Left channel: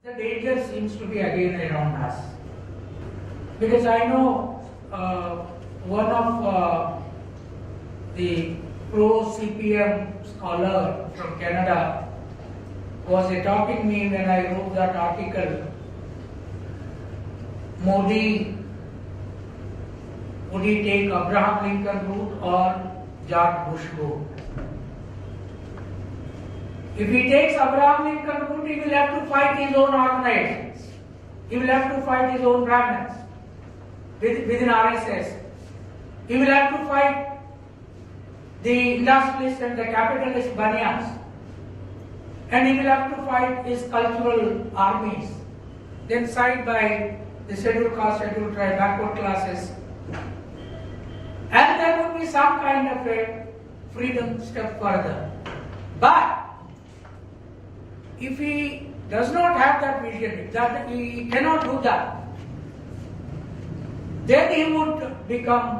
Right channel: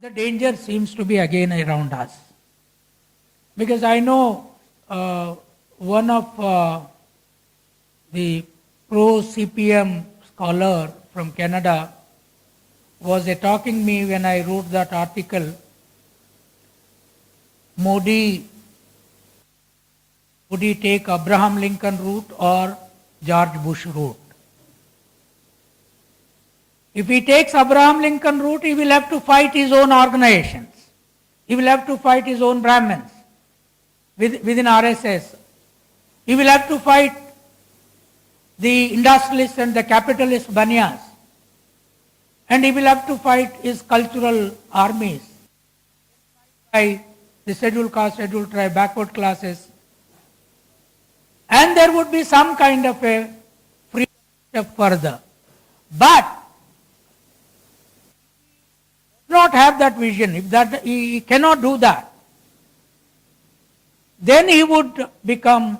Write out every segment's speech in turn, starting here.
The danger seems to be again around us. Because I know one of the pro-CPM scholar from Canada was talking me when I wrote that article, Modi, would he take Abraham Lincoln route or George Bush route? If he takes Abraham Lincoln route, he will have to fight his own organizations. He will have to fight his own Brahmins within RSS. He will have to fight the industrialists and the capitalist banyas. And he will have to fight his cultural armies. Then side by the scheduled caste, scheduled tribe, backward classes. And there would be some kind of a freedom step further. But if he does not have that vision, if that he cannot do that, then he would become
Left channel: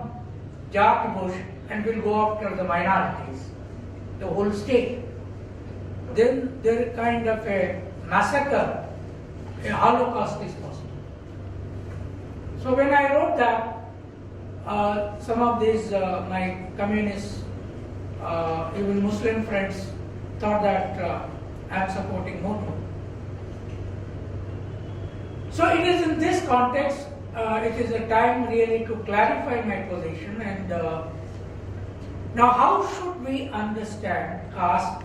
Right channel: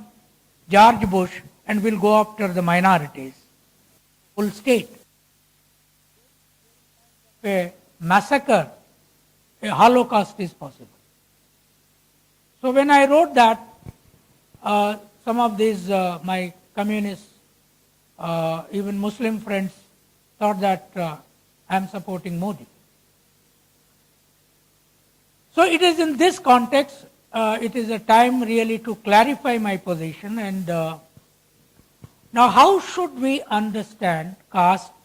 George Bush and will go after the minorities, the whole state. Then there is kind of a massacre, a holocaust is possible. So when I wrote that, some of these my communist, even Muslim friends thought that I am supporting Modi. So it is in this context, it is a time really to clarify my position. And now how should we understand caste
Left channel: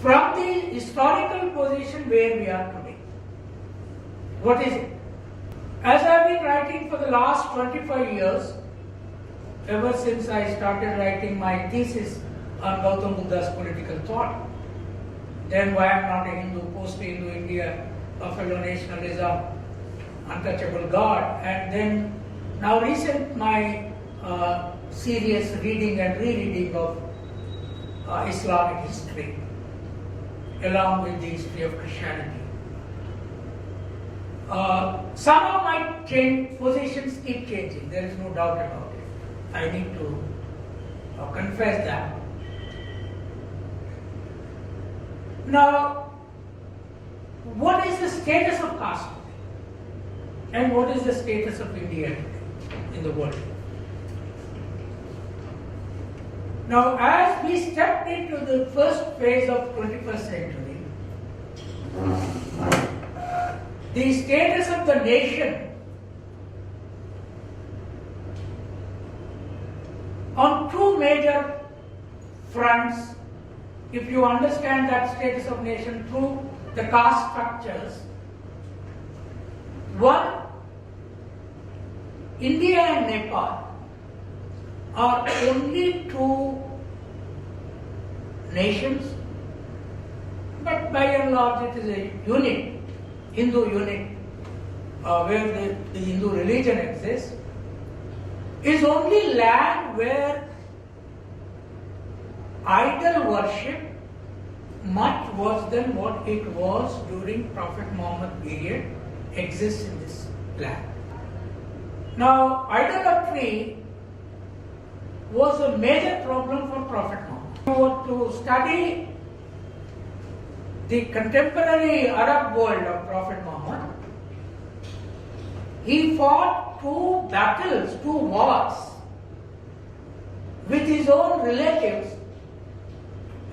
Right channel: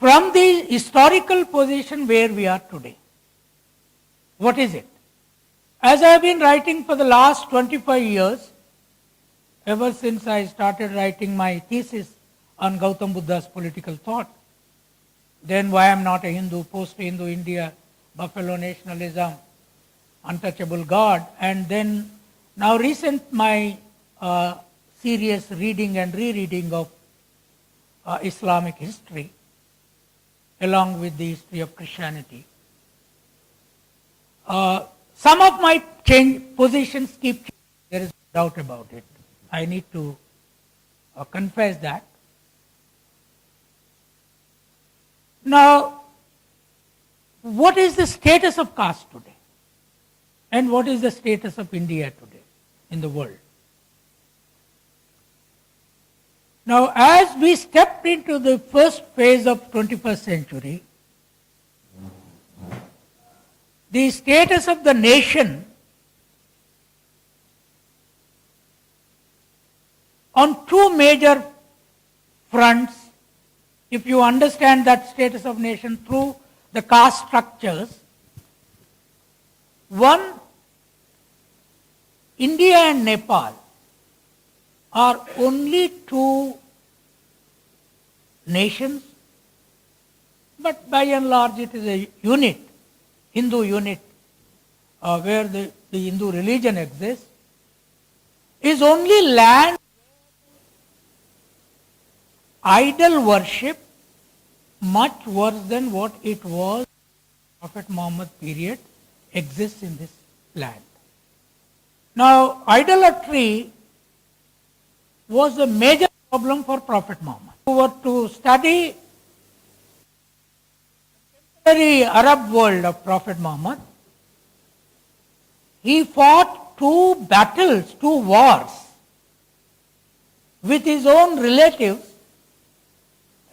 from the historical position where we are today? What is it? As I have been writing for the last 25 years, ever since I started writing my thesis on Gautam Buddha's political thought, then why I am not a Hindu, post-Hindu India, Buffalo nationalism, untouchable God, and then now recent my serious reading and rereading of Islamic history along with the history of Christianity. Some of my positions keep changing, there is no doubt about it. I need to confess that. Now, what is the status of caste today? And what is the status of India today in the world? Now, as we stepped into the first phase of 21st century, the status of the nation on two major fronts, if you understand that status of nation through the caste structures, one, India and Nepal are only two nations, but by and large it is a unit, Hindu unit, where the Hindu religion exists, is only land where idol worship, much worse than what it was during Prophet Muhammad period, exists in this land. Now, idolatry was a major problem for Prophet Muhammad. If you were to study the contemporary Arab world of Prophet Muhammad, he fought two battles, two wars with his own relatives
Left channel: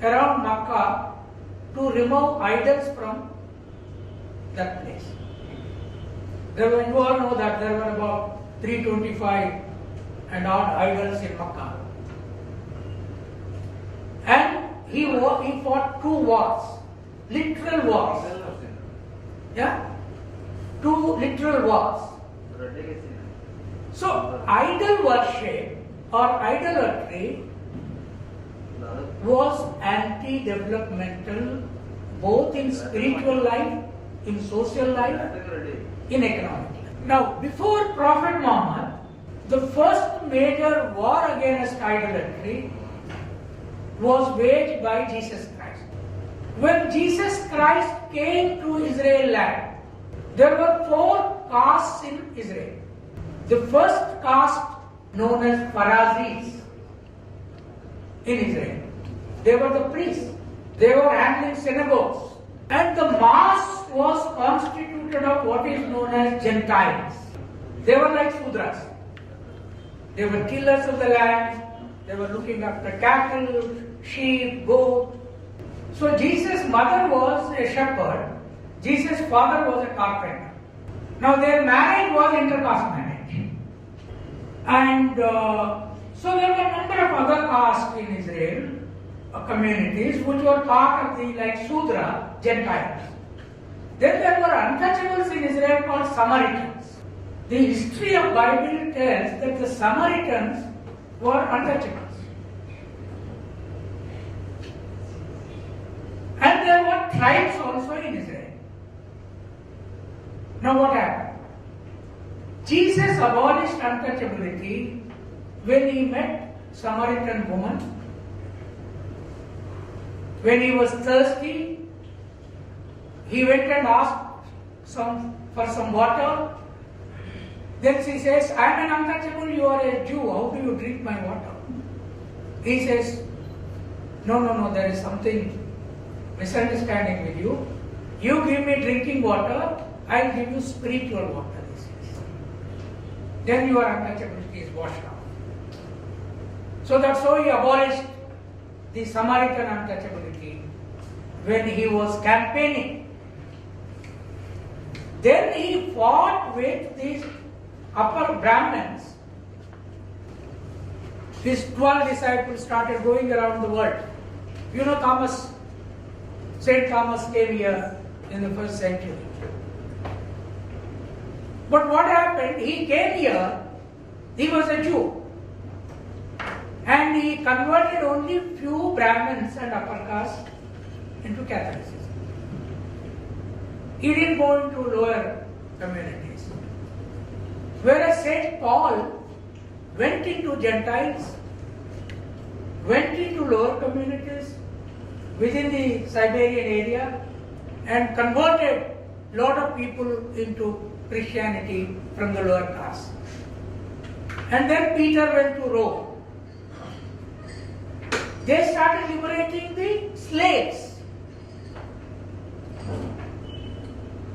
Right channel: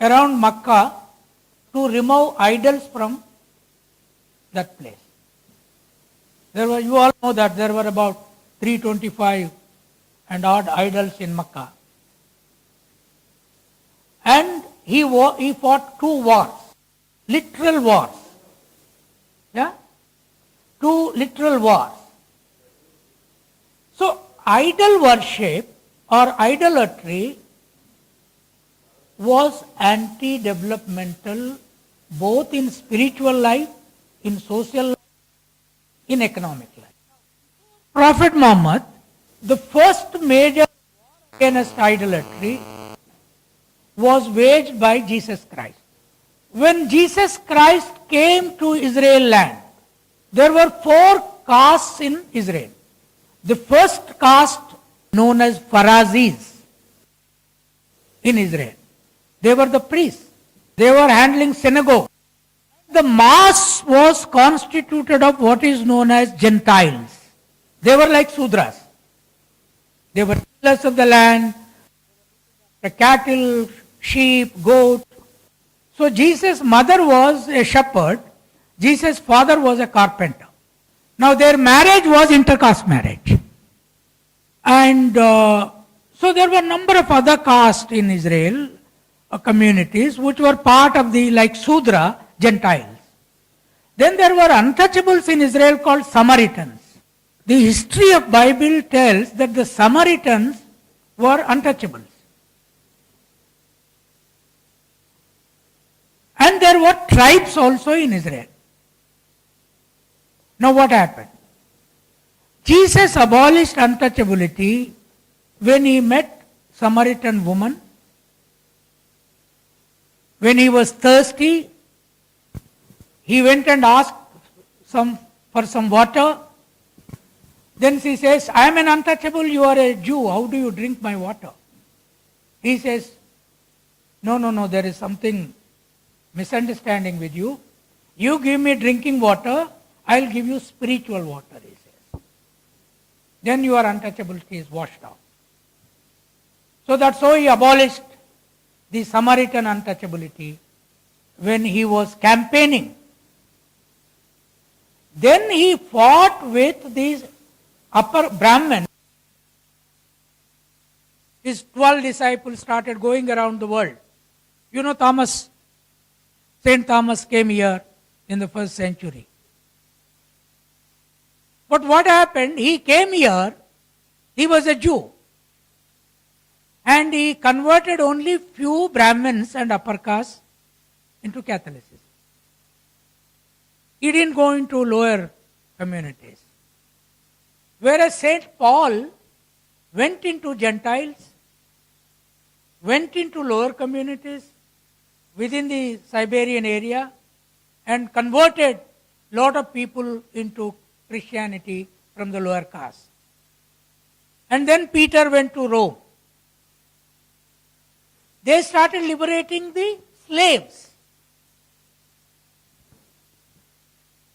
around Makkah to remove idols from that place. You all know that there were about 325 and odd idols in Makkah. And he fought two wars, literal wars. Yeah? Two literal wars. So, idol worship or idolatry was anti-developmental both in spiritual life, in social life, in economic life. Now, before Prophet Muhammad, the first major war against idolatry was waged by Jesus Christ. When Jesus Christ came to Israel land, there were four castes in Israel. The first caste known as Pharisees in Israel. They were the priests. They were handling synagogues. And the mass was constituted of what is known as Gentiles. They were like Sudras. They were tillers of the land. They were looking after cattle, sheep, goat. So Jesus' mother was a shepherd. Jesus' father was a carpenter. Now their marriage was intercaste marriage. And so there were a number of other castes in Israel, communities, which were part of the, like Sudra, Gentiles. Then there were untouchables in Israel called Samaritans. The history of Bible tells that the Samaritans were untouchables. And there were tribes also in Israel. Now what happened? Jesus abolished untouchability when he met Samaritan woman. When he was thirsty, he went and asked for some water. Then she says, I am an untouchable, you are a Jew, how do you drink my water? He says, no, there is something misunderstanding with you. You give me drinking water, I will give you spiritual water. Then your untouchability is washed out. So that's how he abolished the Samaritan untouchability when he was campaigning. Then he fought with these upper Brahmins. His 12 disciples started going around the world. You know St. Thomas came here in the 1st century. But what happened? He came here, he was a Jew. And he converted only few Brahmins and upper caste into Catholicism. He didn't go into lower communities. Whereas St. Paul went into Gentiles, went into lower communities within the Siberian area and converted a lot of people into Christianity from the lower caste. And then Peter went to Rome. They started liberating the slaves.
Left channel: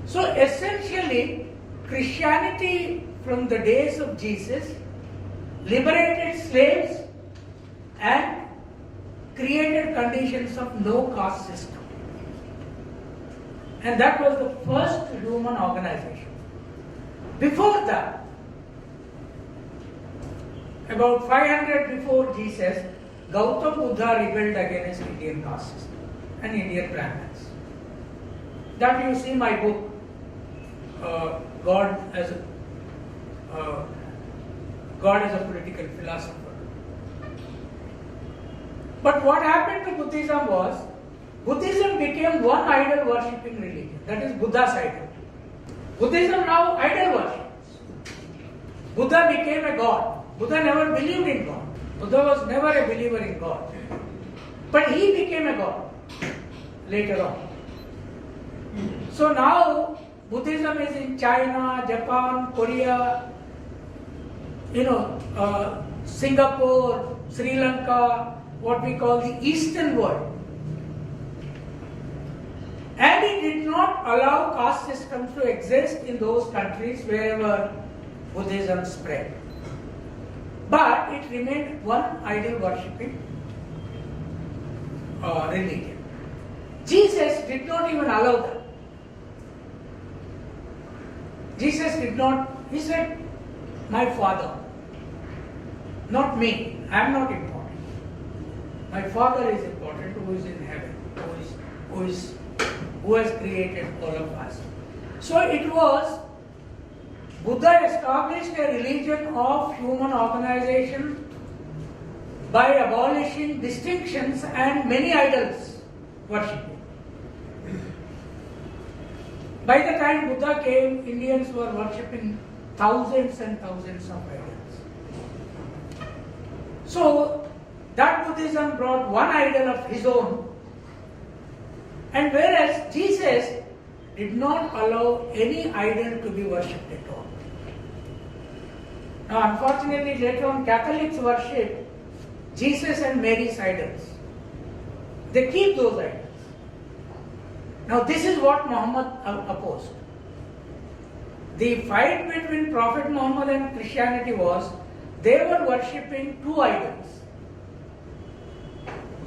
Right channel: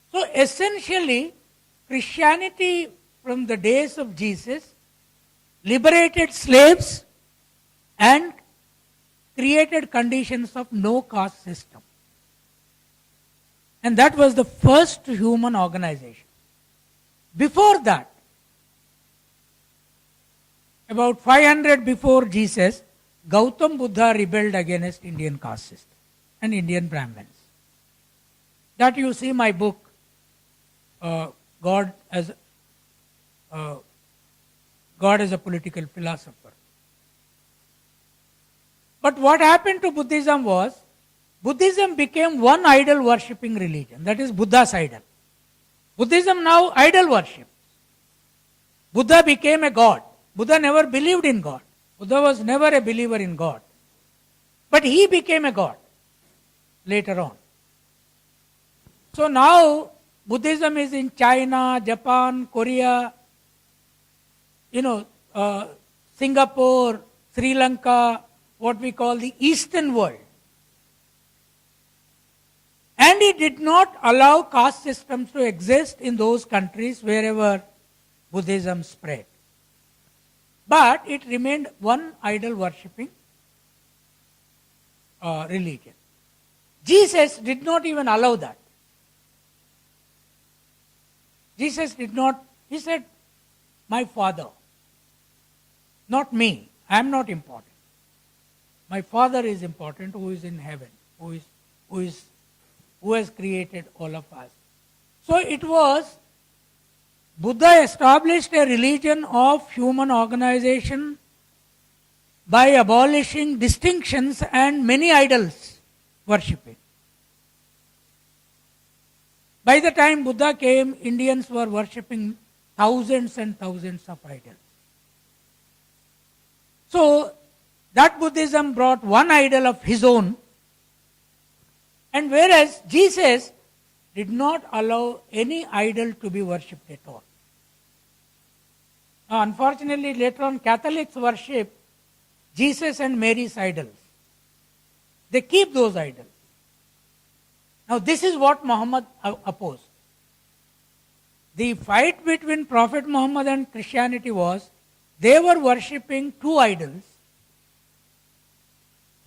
So essentially, Christianity from the days of Jesus liberated slaves and created conditions of no caste system. And that was the first human organization. Before that, about 500 before Jesus, Gautam Buddha rebelled against Indian caste system and Indian Brahmins. That you see my book, God as a political philosopher. But what happened to Buddhism was, Buddhism became one idol worshipping religion, that is Buddha's idol. Buddhism now idol worships. Buddha became a god. Buddha never believed in God. Buddha was never a believer in God. But he became a god later on. So now Buddhism is in China, Japan, Korea, Singapore, Sri Lanka, what we call the Eastern world. And it did not allow caste systems to exist in those countries wherever Buddhism spread. But it remained one idol worshipping religion. Jesus did not even allow that. Jesus did not, he said, my Father, not me, I am not important. My Father is important who is in heaven, who has created all of us. So it was, Buddha established a religion of human organization by abolishing distinctions and many idols worshipping. By the time Buddha came, Indians were worshipping thousands and thousands of idols. So that Buddhism brought one idol of his own, and whereas Jesus did not allow any idol to be worshipped at all. Now unfortunately later on Catholics worship Jesus and Mary's idols. They keep those idols. Now this is what Muhammad opposed. The fight between Prophet Muhammad and Christianity was, they were worshipping two idols,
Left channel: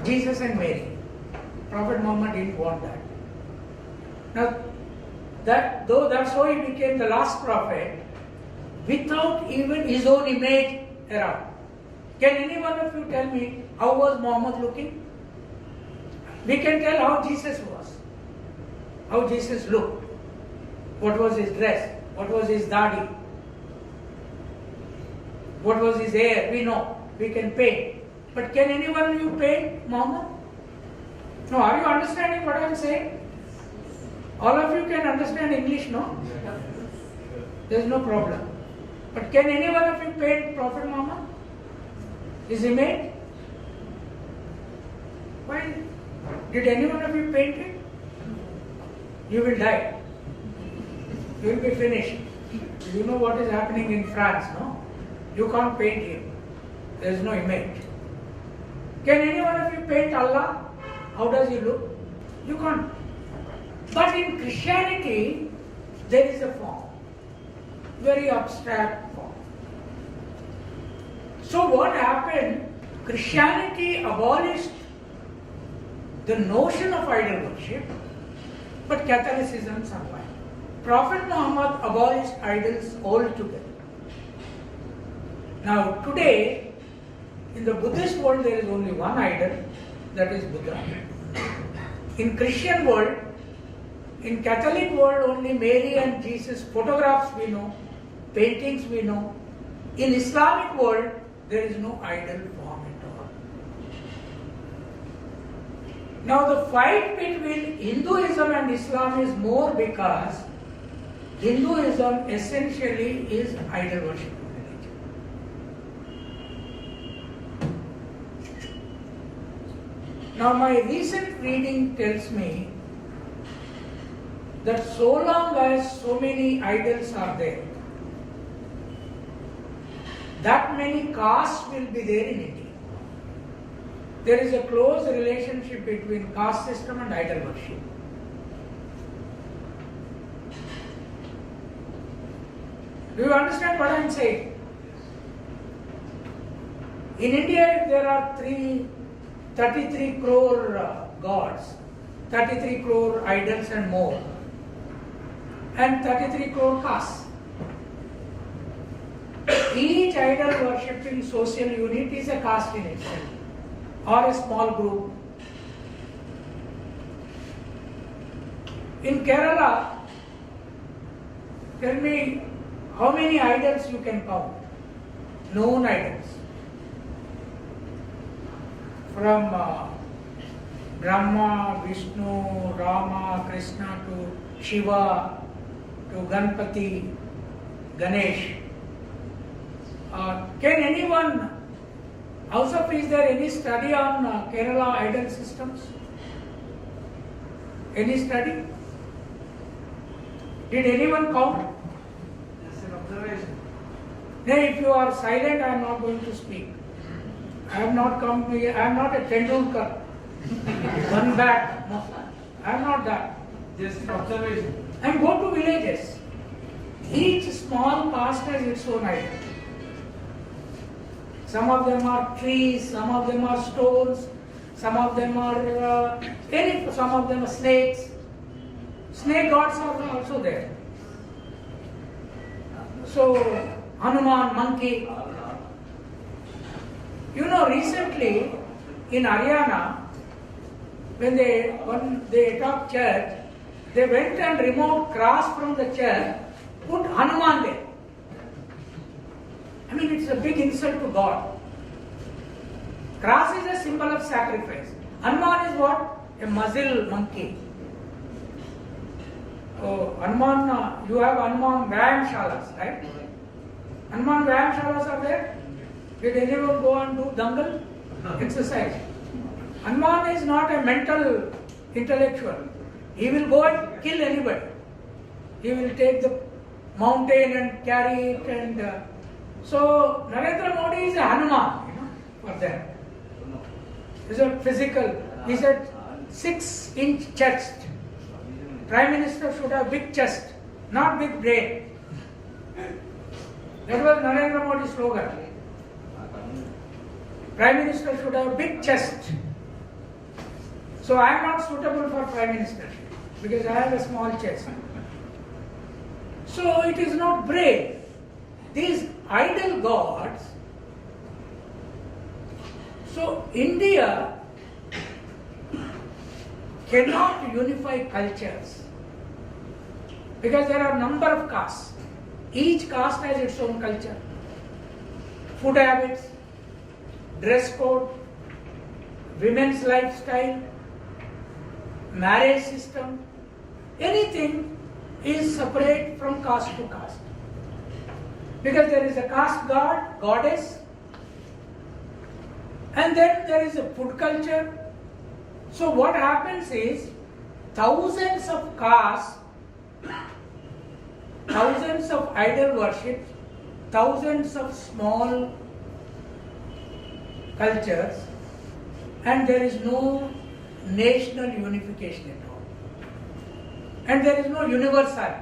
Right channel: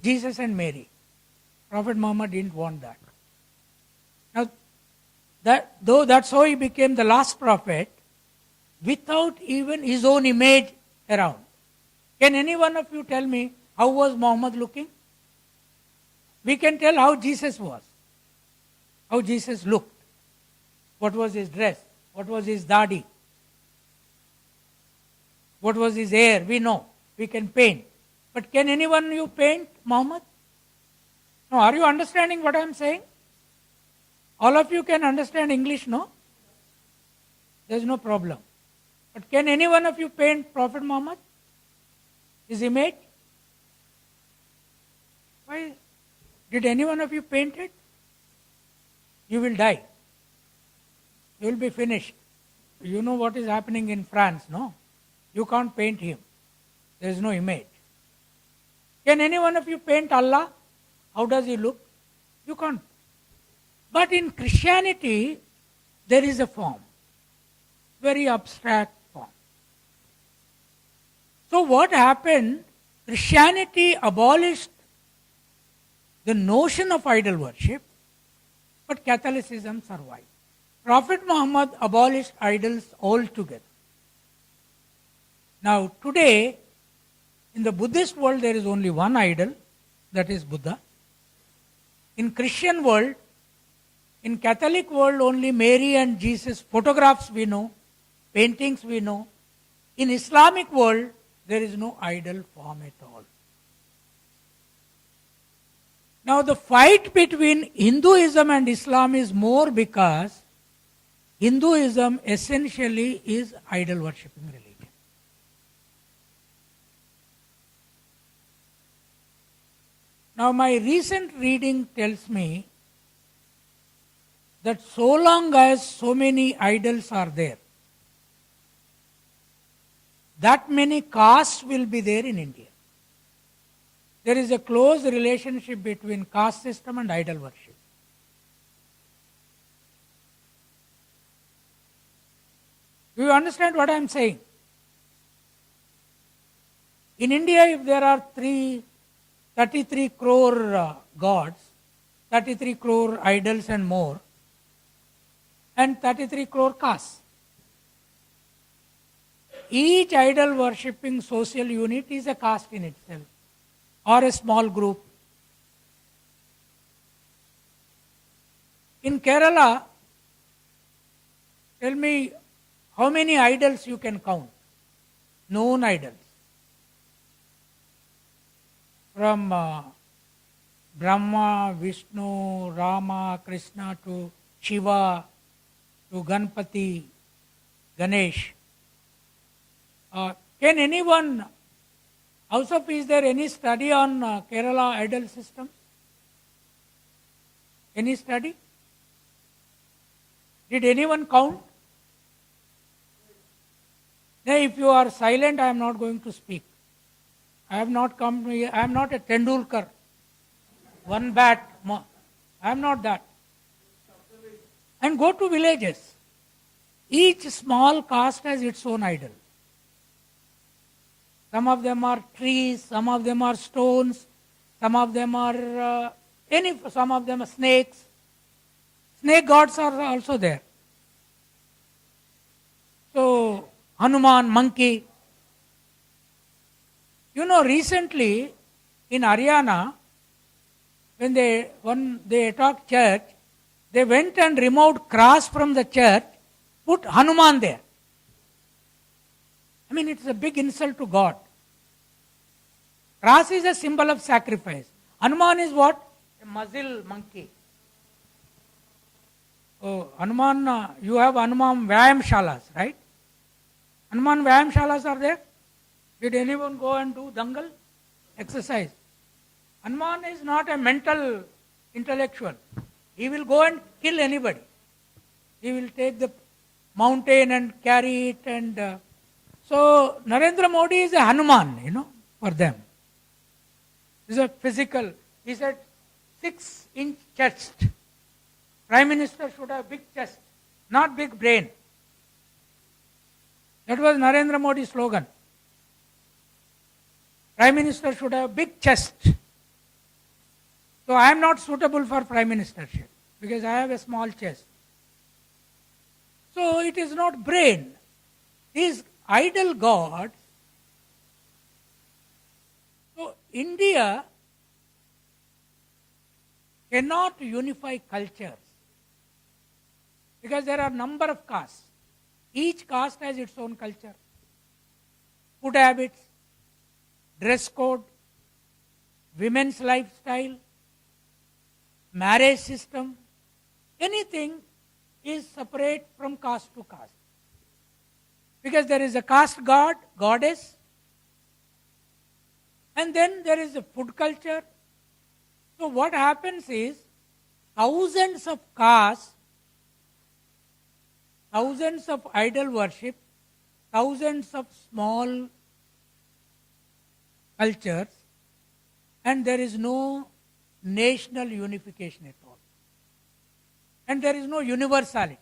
Jesus and Mary. Prophet Muhammad didn't want that. Now, that's how he became the last prophet, without even his own image around. Can any one of you tell me how was Muhammad looking? We can tell how Jesus was, how Jesus looked, what was his dress, what was his dadi, what was his hair, we know, we can paint. But can any one of you paint Muhammad? No, are you understanding what I am saying? All of you can understand English, no? There is no problem. But can any one of you paint Prophet Muhammad? Is he made? Why? Did any one of you paint it? You will die. You will be finished. You know what is happening in France, no? You can't paint him. There is no image. Can any one of you paint Allah? How does he look? You can't. But in Christianity, there is a form. Very abstract form. So what happened? Christianity abolished the notion of idol worship, but Catholicism survived. Prophet Muhammad abolished idols altogether. Now today, in the Buddhist world, there is only one idol, that is Buddha. In Christian world, in Catholic world, only Mary and Jesus photographs we know, paintings we know. In Islamic world, there is no idol form at all. Now the fight between Hinduism and Islam is more because Hinduism essentially is idol worship. Now my recent reading tells me that so long as so many idols are there, that many castes will be there in India. There is a close relationship between caste system and idol worship. Do you understand what I am saying? In India, if there are 33 crore gods, 33 crore idols and more, and 33 crore castes. Each idol worshipping social unit is a caste in itself, or a small group. In Kerala, tell me how many idols you can count, known idols. From Brahma, Vishnu, Rama, Krishna to Shiva, to Ganpati, Ganesh. Can anyone, also is there any study on Kerala idol systems? Any study? Did anyone count? Just an observation. Then if you are silent, I am not going to speak. I have not come here, I am not a Tendulkar, one bat, I am not that. Just an observation. And go to villages. Each small caste has its own idol. Some of them are trees, some of them are stones, some of them are some of them are snakes. Snake gods are also there. So Hanuman, monkey. You know, recently in Haryana, when they talked church, they went and removed cross from the church, put Hanuman there. I mean, it's a big insult to God. Cross is a symbol of sacrifice. Hanuman is what? A muzzle monkey. So, Hanuman, you have Hanuman Vyayam Shalas, right? Hanuman Vyayam Shalas are there? Did anyone go and do dangal? Exercise. Hanuman is not a mental intellectual. He will go and kill anybody. He will take the mountain and carry it and so Narendra Modi is a Hanuman, for them. He's a physical, he's a 6-inch chest. Prime Minister should have big chest, not big brain. That was Narendra Modi's slogan. Prime Minister should have big chest. So I am not suitable for Prime Ministership because I have a small chest. So it is not brain. These idol gods. So India cannot unify cultures because there are number of castes. Each caste has its own culture, food habits, dress code, women's lifestyle, marriage system. Anything is separate from caste to caste. Because there is a caste god, goddess, and then there is a food culture. So what happens is thousands of castes, thousands of idol worship, thousands of small cultures, and there is no national unification at all. And there is no universality.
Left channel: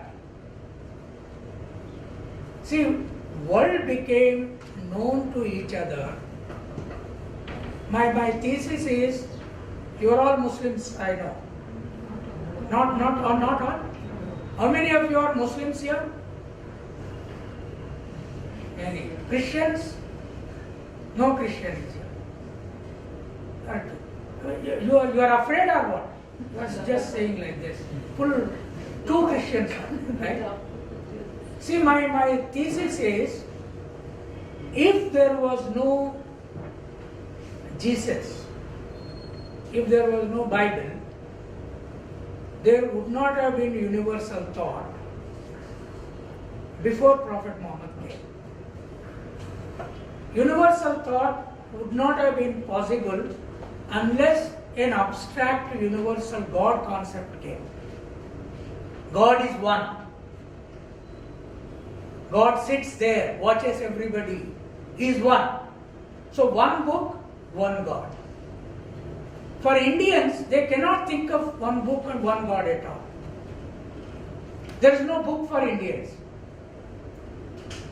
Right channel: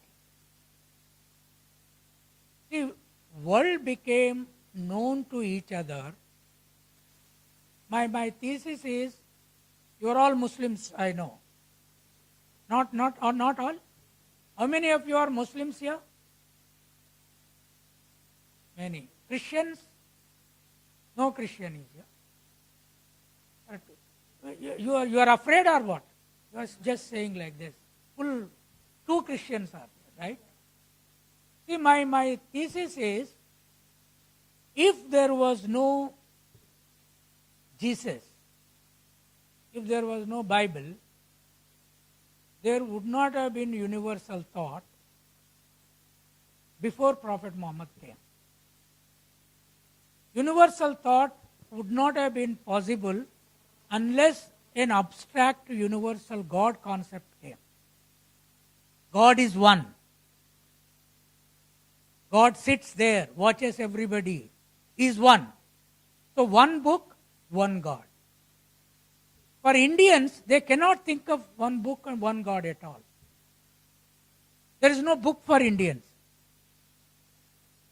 See, world became known to each other. My thesis is, you are all Muslims, I know. Not all? How many of you are Muslims here? Many. Christians? No Christians here. You are afraid or what? You are just saying like this. Full two Christians, right? See, my thesis is, if there was no Jesus, if there was no Bible, there would not have been universal thought before Prophet Muhammad came. Universal thought would not have been possible unless an abstract universal God concept came. God is one. God sits there, watches everybody, is one. So one book, one God. For Indians, they cannot think of one book and one God at all. There is no book for Indians.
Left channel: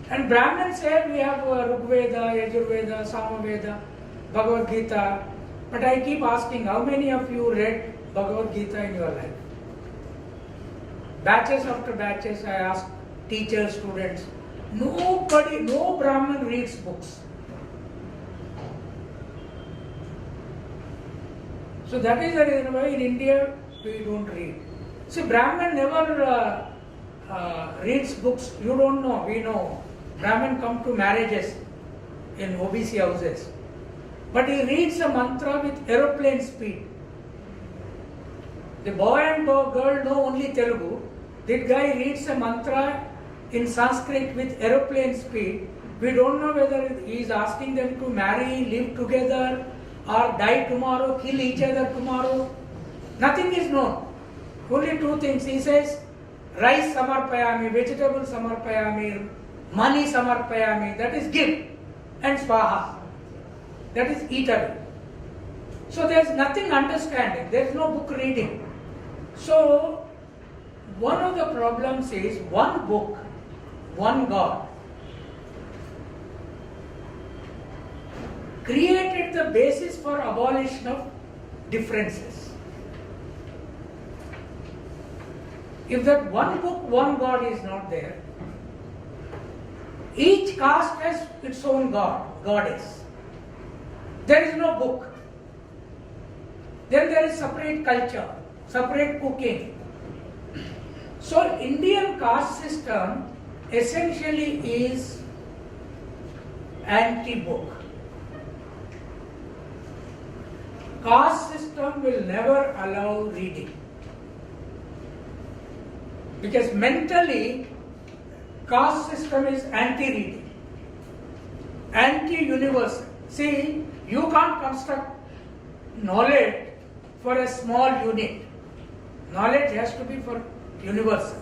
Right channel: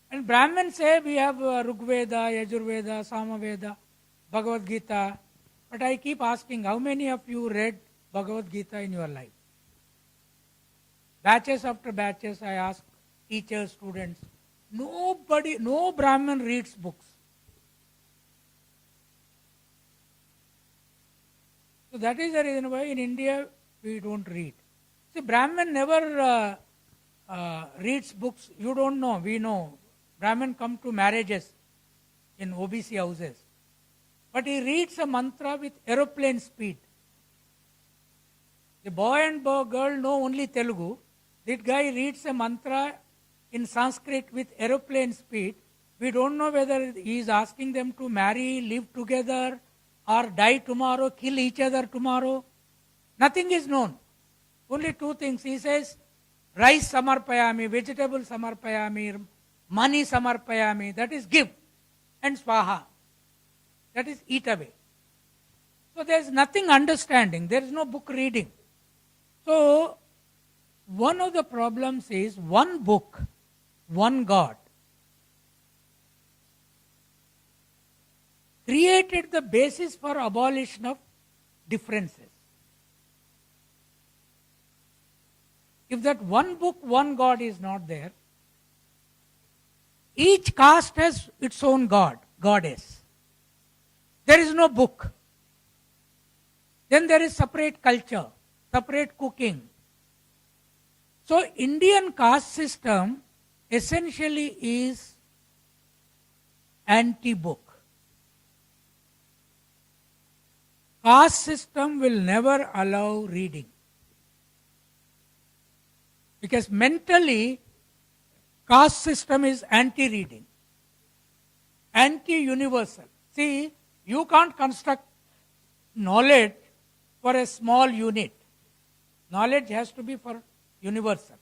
And Brahmins say we have Rigveda, Yajurveda, Samaveda, Bhagavad Gita. But I keep asking, how many of you read Bhagavad Gita in your life? Batches after batches, I ask teachers, students. Nobody, no Brahmin reads books. So that is the reason why in India we don't read. See, Brahmin never reads books. You don't know, we know. Brahmin come to marriages in OBC houses. But he reads a mantra with aeroplane speed. The boy and girl know only Telugu. That guy reads a mantra in Sanskrit with aeroplane speed. We don't know whether he is asking them to marry, live together, or die tomorrow, kill each other tomorrow. Nothing is known. Only two things. He says, rice samarpayami, vegetable samarpayami, money samarpayami, that is give, and swaha, that is eatable. So there is nothing understanding, there is no book reading. So one of the problems is one book, one God created the basis for abolition of differences. If that one book, one God is not there, each caste has its own God, goddess. There is no book. Then there is separate culture, separate cooking. So Indian caste system essentially is anti-book. Caste system will never allow reading. Because mentally, caste system is anti-reading, anti-universal. See, you can't construct knowledge for a small unit. Knowledge has to be for universal.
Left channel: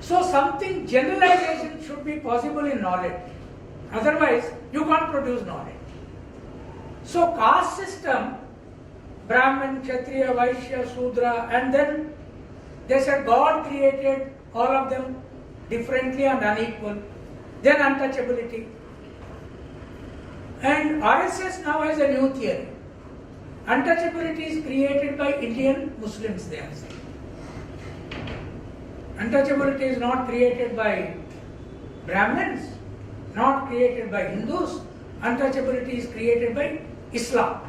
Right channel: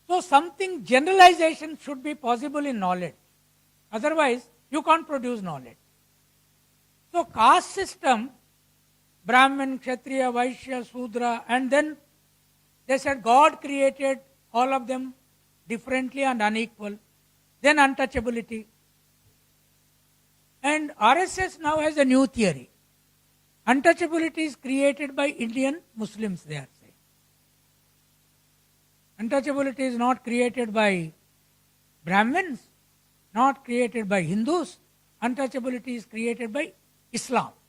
So something, generalization should be possible in knowledge. Otherwise, you can't produce knowledge. So caste system Brahmin, Kshatriya, Vaishya, Sudra, and then they said God created all of them differently and unequal. Then untouchability. And RSS now has a new theory. Untouchability is created by Indian Muslims, they are saying. Untouchability is not created by Brahmins, not created by Hindus. Untouchability is created by Islam.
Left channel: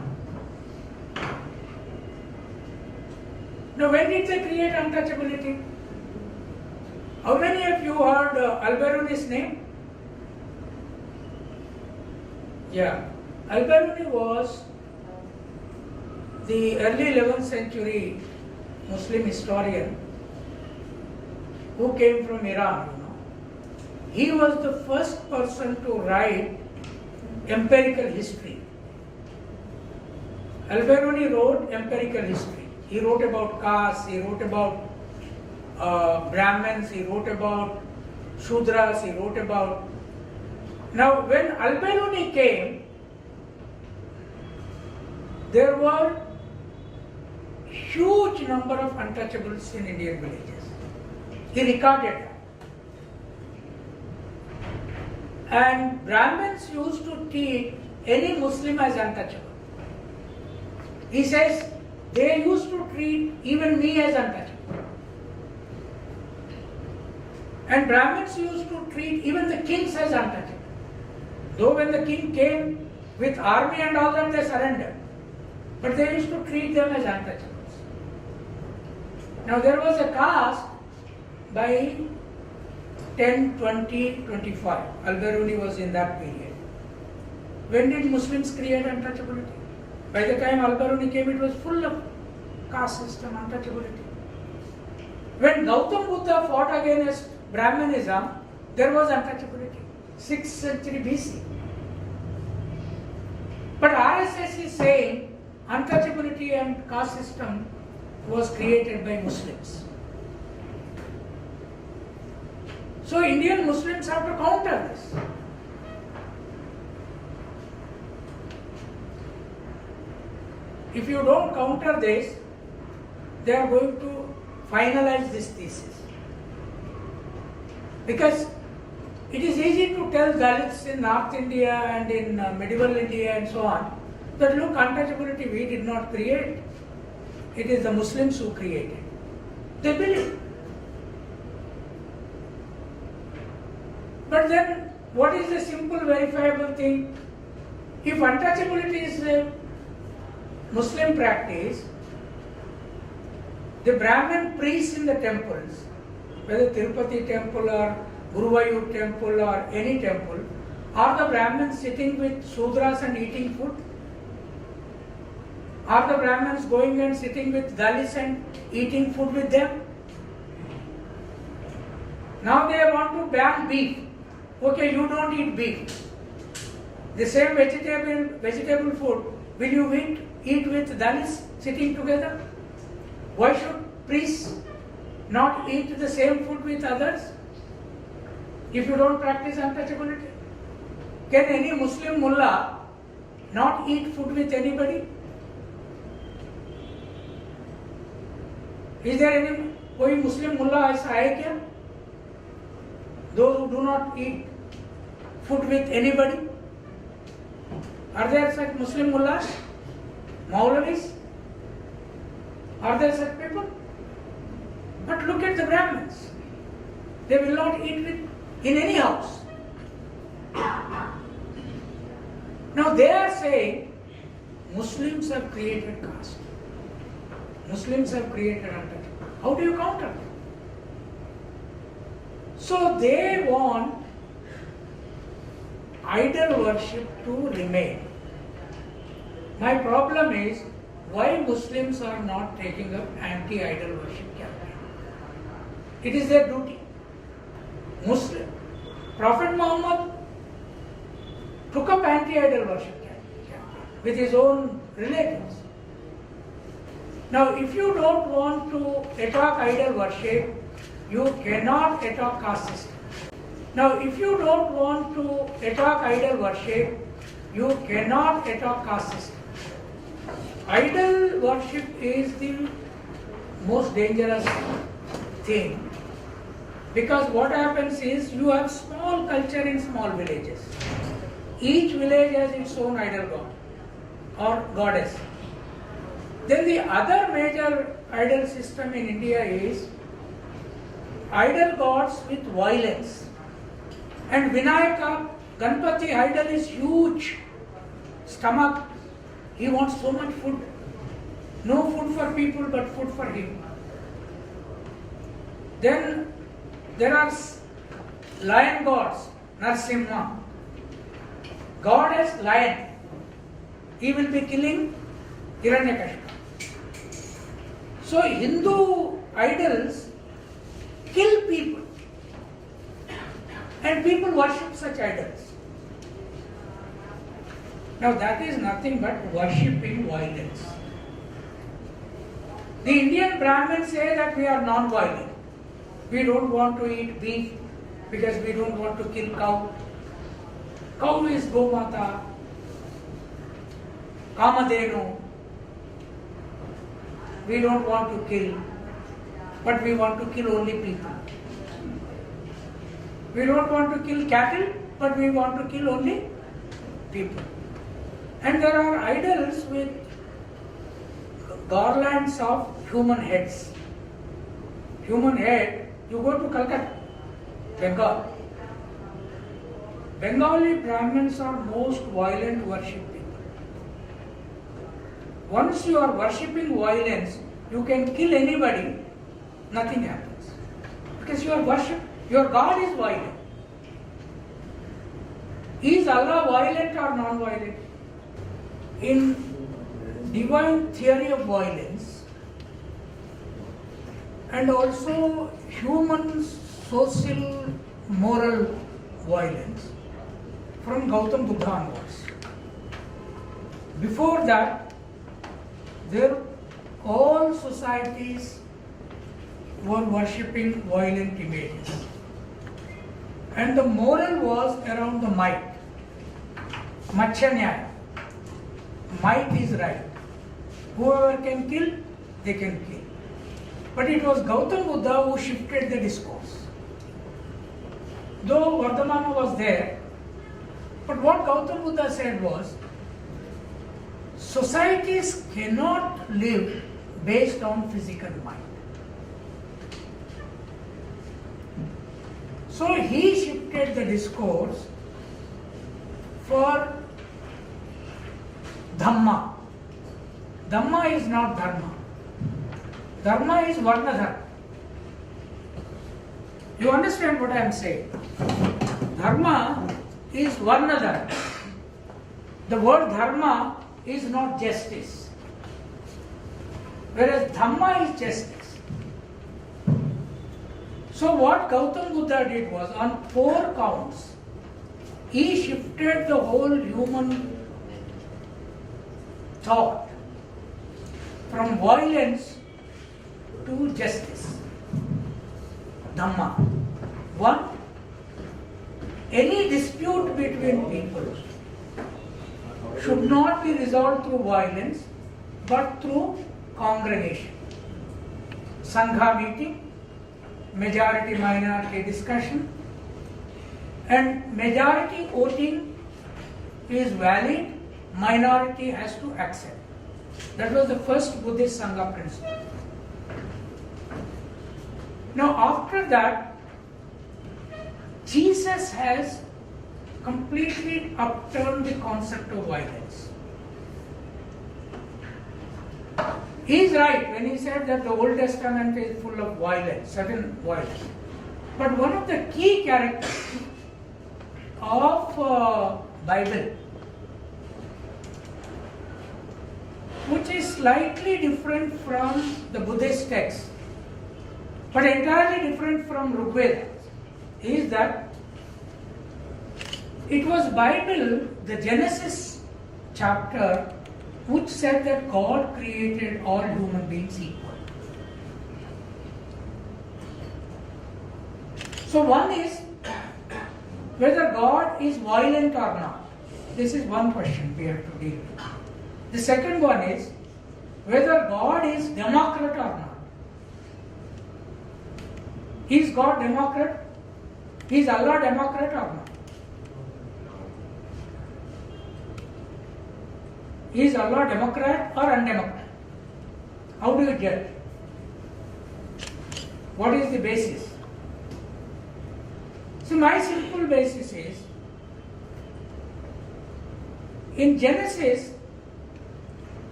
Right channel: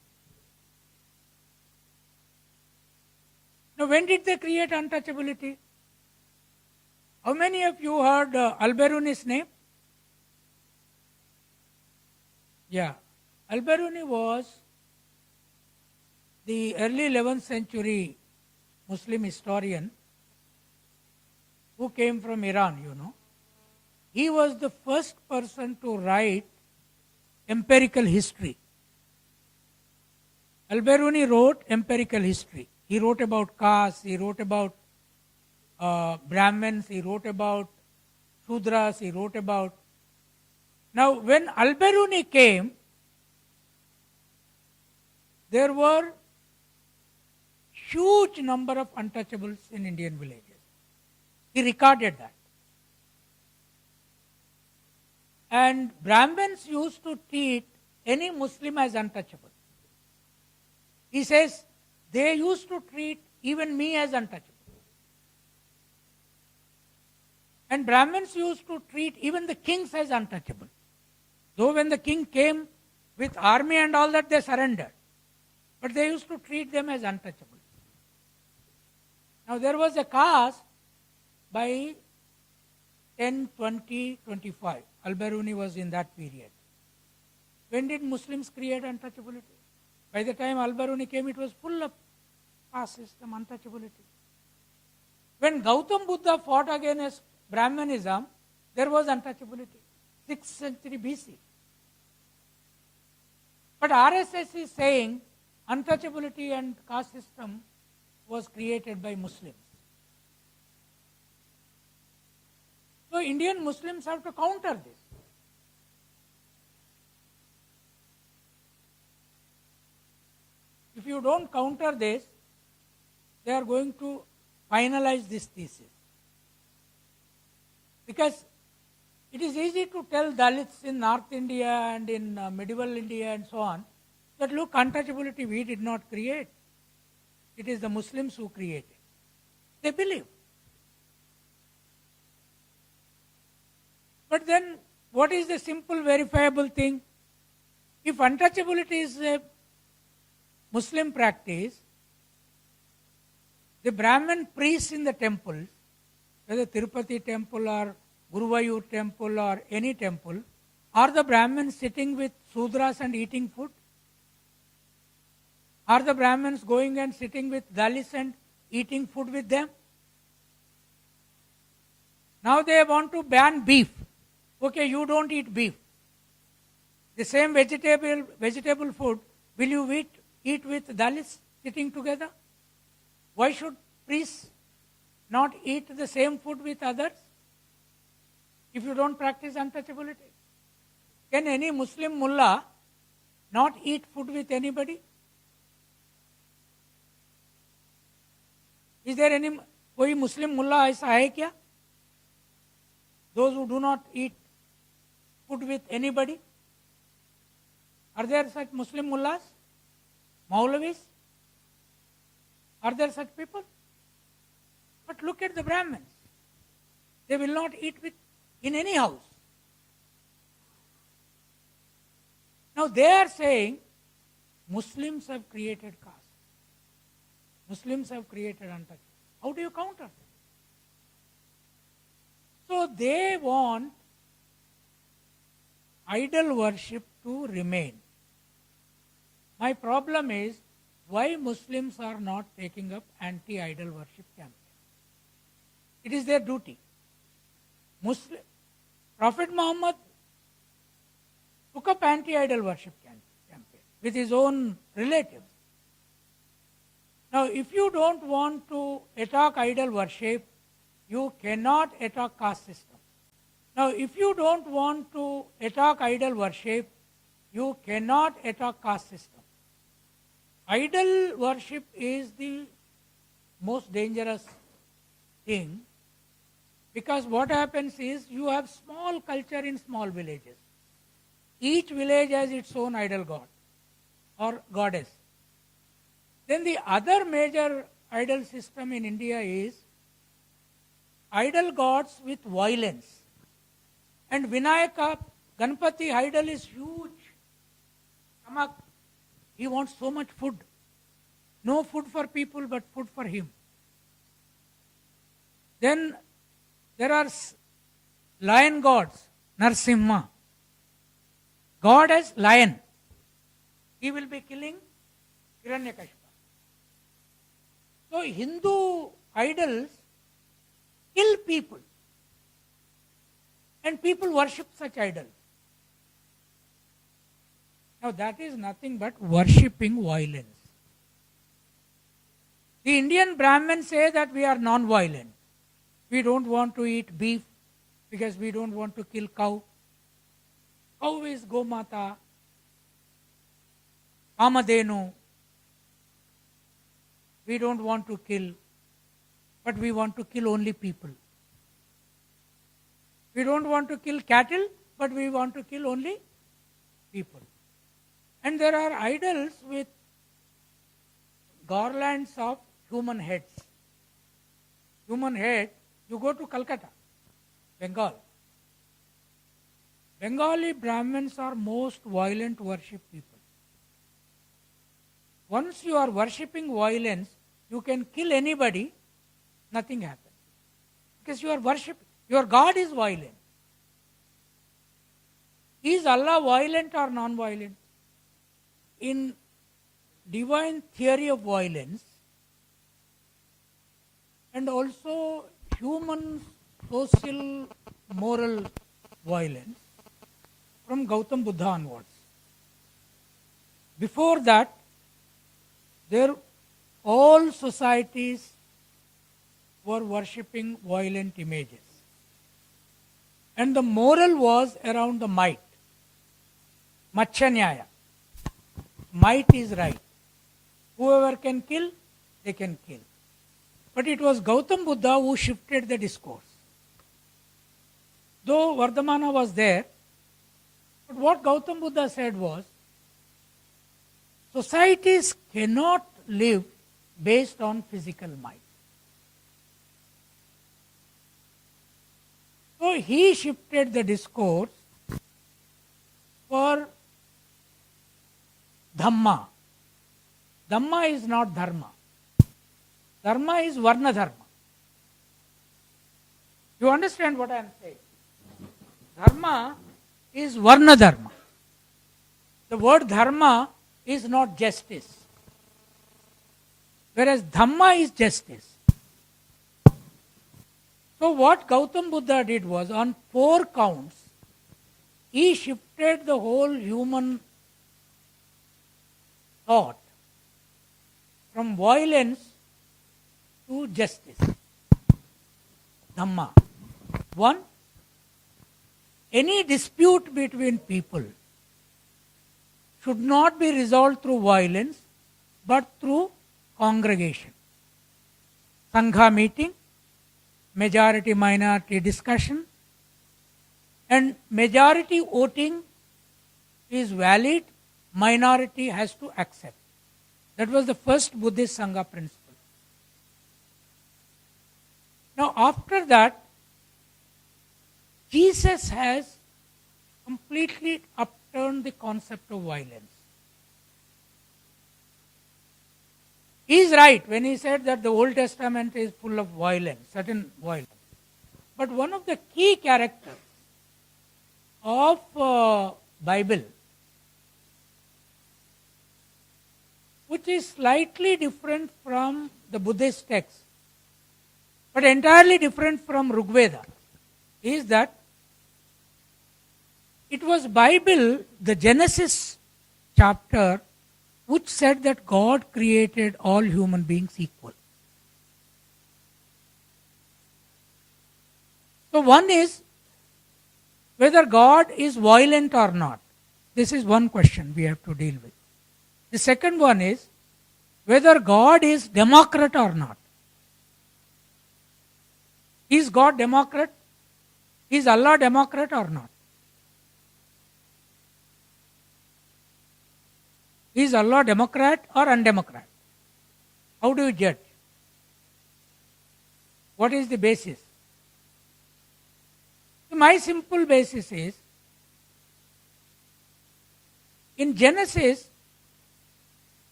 Now, when did they create untouchability? How many of you heard Al-Biruni's name? Yeah. Al-Biruni was the early 11th century Muslim historian who came from Iran, you know. He was the first person to write empirical history. Al-Biruni wrote empirical history. He wrote about castes, he wrote about Brahmins, he wrote about Shudras, he wrote about... Now, when Al-Biruni came, there were huge number of untouchables in Indian villages. He recorded that. And Brahmins used to treat any Muslim as untouchable. He says, they used to treat even me as untouchable. And Brahmins used to treat even the kings as untouchable. Though when the king came with army and all that, they surrendered. But they used to treat them as untouchables. Now there was a caste by 10, 20, 25. Al-Biruni was in that period. When did Muslims create untouchability? By the time Al-Biruni came, it was full of caste system, untouchability. When Gautam Buddha fought against Brahmanism, there was untouchability. 6th century BC. But RSS is saying untouchability and caste system was created by Muslims. So Indian Muslims have to counter this. If you don't counter this, they are going to finalize this thesis. Because it is easy to tell Dalits in North India and in medieval India and so on that look, untouchability we did not create. It is the Muslims who created. They believe. But then, what is the simple verifiable thing? If untouchability is a Muslim practice, the Brahmin priests in the temples, whether Tirupati temple or Guruvayur temple or any temple, are the Brahmins sitting with Sudras and eating food? Are the Brahmins going and sitting with Dalits and eating food with them? Now they want to ban beef. Okay, you don't eat beef. The same vegetable food, will you eat with Dalits sitting together? Why should priests not eat the same food with others? If you don't practice untouchability, can any Muslim mullah not eat food with anybody? Is there any कोई Muslim mullah ऐसा है क्या? Those who do not eat food with anybody? Are there such Muslim mullahs? Maulavis? Are there such people? But look at the Brahmins. They will not eat in any house. Now they are saying Muslims have created caste. Muslims have created untouchability. How do you counter it? So they want idol worship to remain. My problem is why Muslims are not taking up anti-idol worship campaign. It is their duty. Muslim. Prophet Muhammad took up anti-idol worship campaign with his own relatives. Now, if you don't want to attack idol worship, you cannot attack caste system. Now, if you don't want to attack idol worship, you cannot attack caste system. idol worship is the most dangerous thing, because what happens is you have small culture in small villages. Each village has its own idol god or goddess. Then the other major idol system in India is idol gods with violence. And Vinayaka, Ganpati idol is huge, stomach. He wants so much food. No food for people, but food for him. Then there are lion gods, Narsimha. God as lion. He will be killing Hiranyakashipu. So Hindu idols kill people. And people worship such idols. Now that is nothing but worshipping violence. The Indian Brahmins say that we are non-violent. We don't want to eat beef because we don't want to kill cow. Cow is Gomata, Kamadhenu. We don't want to kill, but we want to kill only people. We don't want to kill cattle, but we want to kill only people. And there are idols with garlands of human heads. Human head, you go to Calcutta, Bengal. Bengali Brahmins are most violent worship people. Once you are worshipping violence, you can kill anybody, nothing happens. Because your God is violent. Is Allah violent or non-violent? In divine theory of violence and also human social moral violence from Gautam Buddha onwards. Before that, all societies were worshipping violent images. And the moral was around the might. Machanyaya. Might is right. Whoever can kill, they can kill. But it was Gautam Buddha who shifted the discourse. Though Vardhamana was there, but what Gautam Buddha said was, societies cannot live based on physical mind. So he shifted the discourse for Dhamma. Dhamma is not Dharma. Dharma is Varna Dharma. You understand what I am saying? Dharma is Varna Dharma. The word Dharma is not justice. Whereas Dhamma is justice. So what Gautam Buddha did was, on 4 counts, he shifted the whole human thought from violence to justice. Dhamma. 1. Any dispute between people should not be resolved through violence, but through congregation. Sangha meeting, majority minority discussion, and majority voting is valid, minority has to accept. That was the first Buddhist Sangha principle. Now after that, Jesus has completely upturned the concept of violence. He is right when he said that the Old Testament is full of violence, certain violence. But one of the key characters of Bible, which is slightly different from the Buddhist text, but entirely different from Rigveda, is that it was Bible, the Genesis chapter, which said that God created all human beings equal. So one is whether God is violent or not. This is one question we have to deal with. The second one is whether God is democrat or not. Is God democrat? Is Allah democrat or not? Is Allah democrat or undemocrat? How do you judge? What is the basis? So my simple basis is, in Genesis,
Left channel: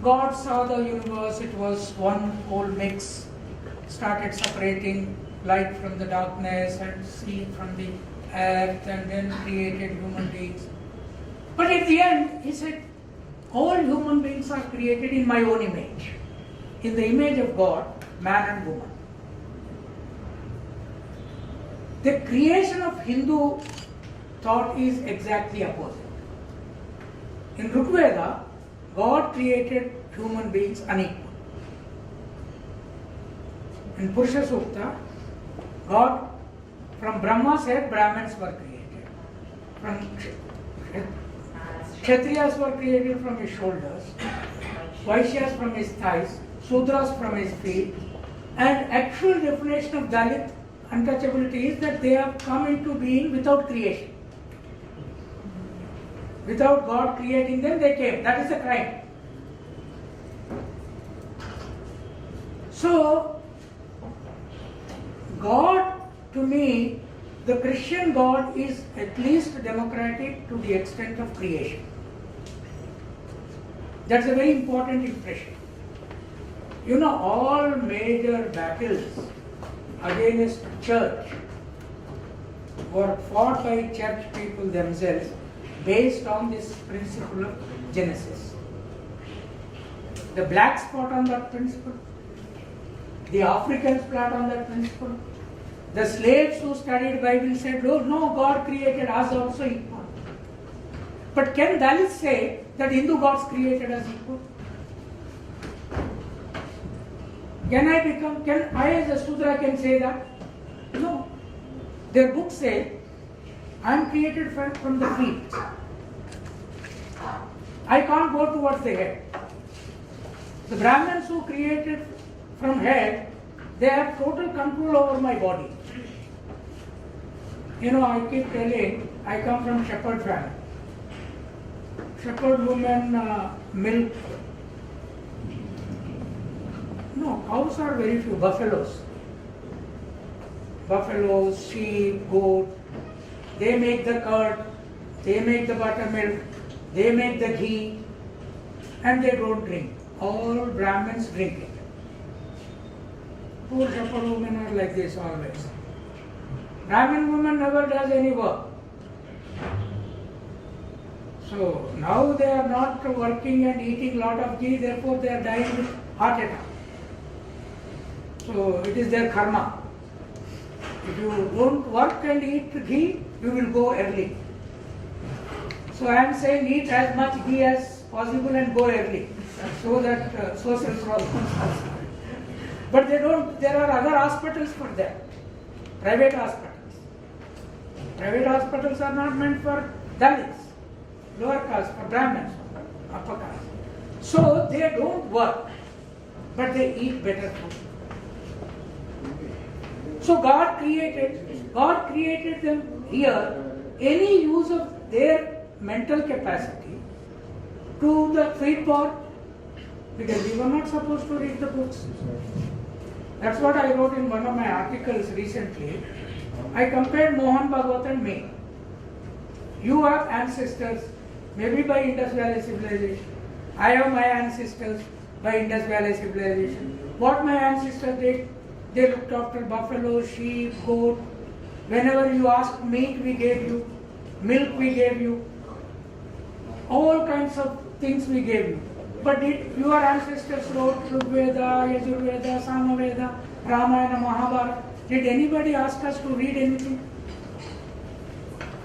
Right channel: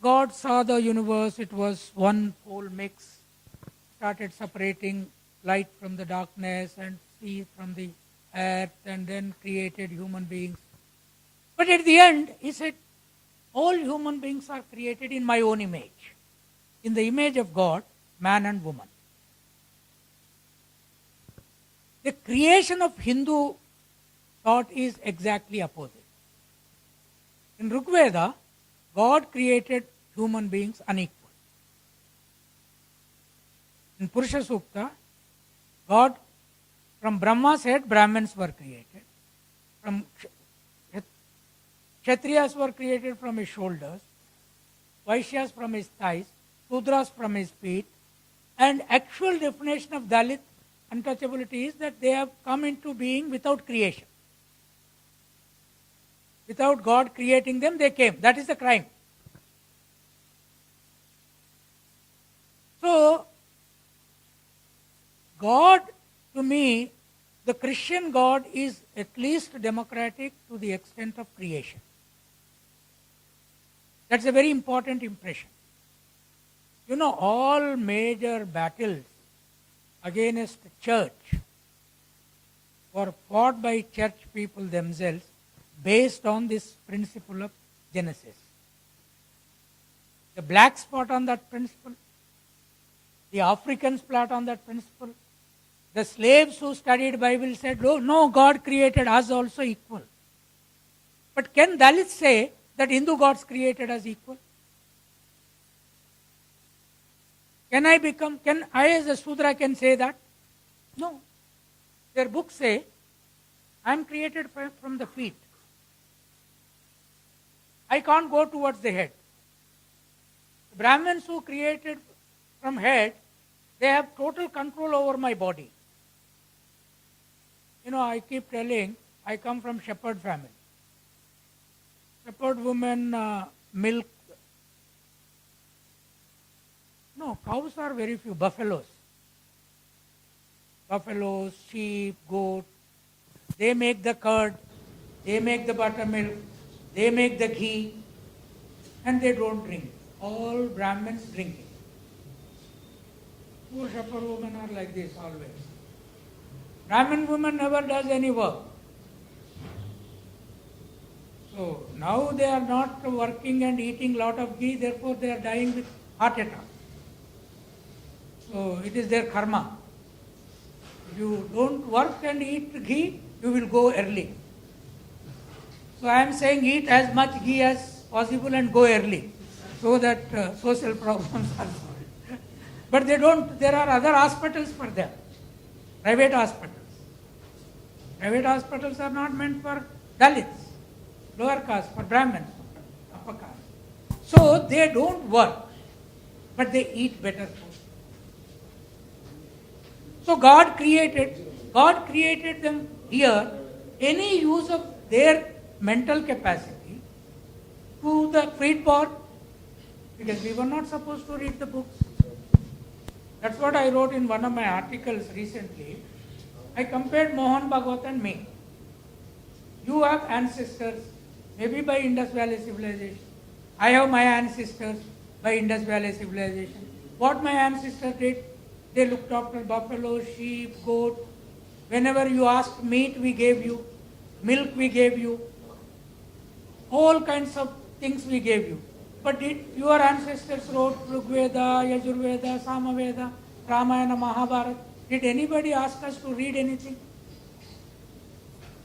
God saw the universe, it was one whole mix, started separating light from the darkness and sea from the earth, and then created human beings. But at the end, he said, all human beings are created in my own image. In the image of God, man and woman. The creation of Hindu thought is exactly opposite. In Rig Veda, God created human beings unequal. In Purusha Sukta, God, from Brahma's head, Brahmins were created. From Kshatriyas were created from his shoulders, Vaishyas from his thighs, Sudras from his feet, and actual definition of Dalit untouchability is that they have come into being without creation. Without God creating them, they came. That is the crime. So, God, to me, the Christian God is at least democratic to the extent of creation. That's a very important impression. You know, all major battles against church were fought by church people themselves based on this principle of Genesis. The blacks fought on that principle. The Africans fought on that principle. The slaves who studied Bible said, oh no, God created us also equal. But can Dalits say that Hindu gods created us equal? Can I as a Sudra can say that? No. Their books say, I am created from the feet. I can't go towards the head. The Brahmins who created from head, they have total control over my body. You know, I keep telling, I come from shepherd family. Shepherd women milk. No, cows are very few, buffaloes. Buffaloes, sheep, goat, they make the curd, they make the buttermilk, they make the ghee, and they don't drink. All Brahmins drink it. Poor shepherd women are like this always. Brahmin woman never does any work. So now they are not working and eating lot of ghee, therefore they are dying with heart attack. So it is their karma. If you don't work and eat ghee, you will go early. So I am saying eat as much ghee as possible and go early, so that social problems are solved. But they don't, there are other hospitals for them, private hospitals. Private hospitals are not meant for Dalits, lower caste, for Brahmins, upper caste. So they don't work, but they eat better food. So God created them here, any use of their mental capacity to the feed board, because we were not supposed to read the books. That's what I wrote in one of my articles recently. I compared Mohan Bhagwat and me. You have ancestors, maybe by Indus Valley civilization. I have my ancestors by Indus Valley civilization. What my ancestors did, they looked after buffalo, sheep, goat. Whenever you asked meat, we gave you. Milk, we gave you. All kinds of things we gave you. But did your ancestors wrote Rig Veda, Yajur Veda, Sama Veda, Ramayana, Mahabharata? Did anybody ask us to read anything?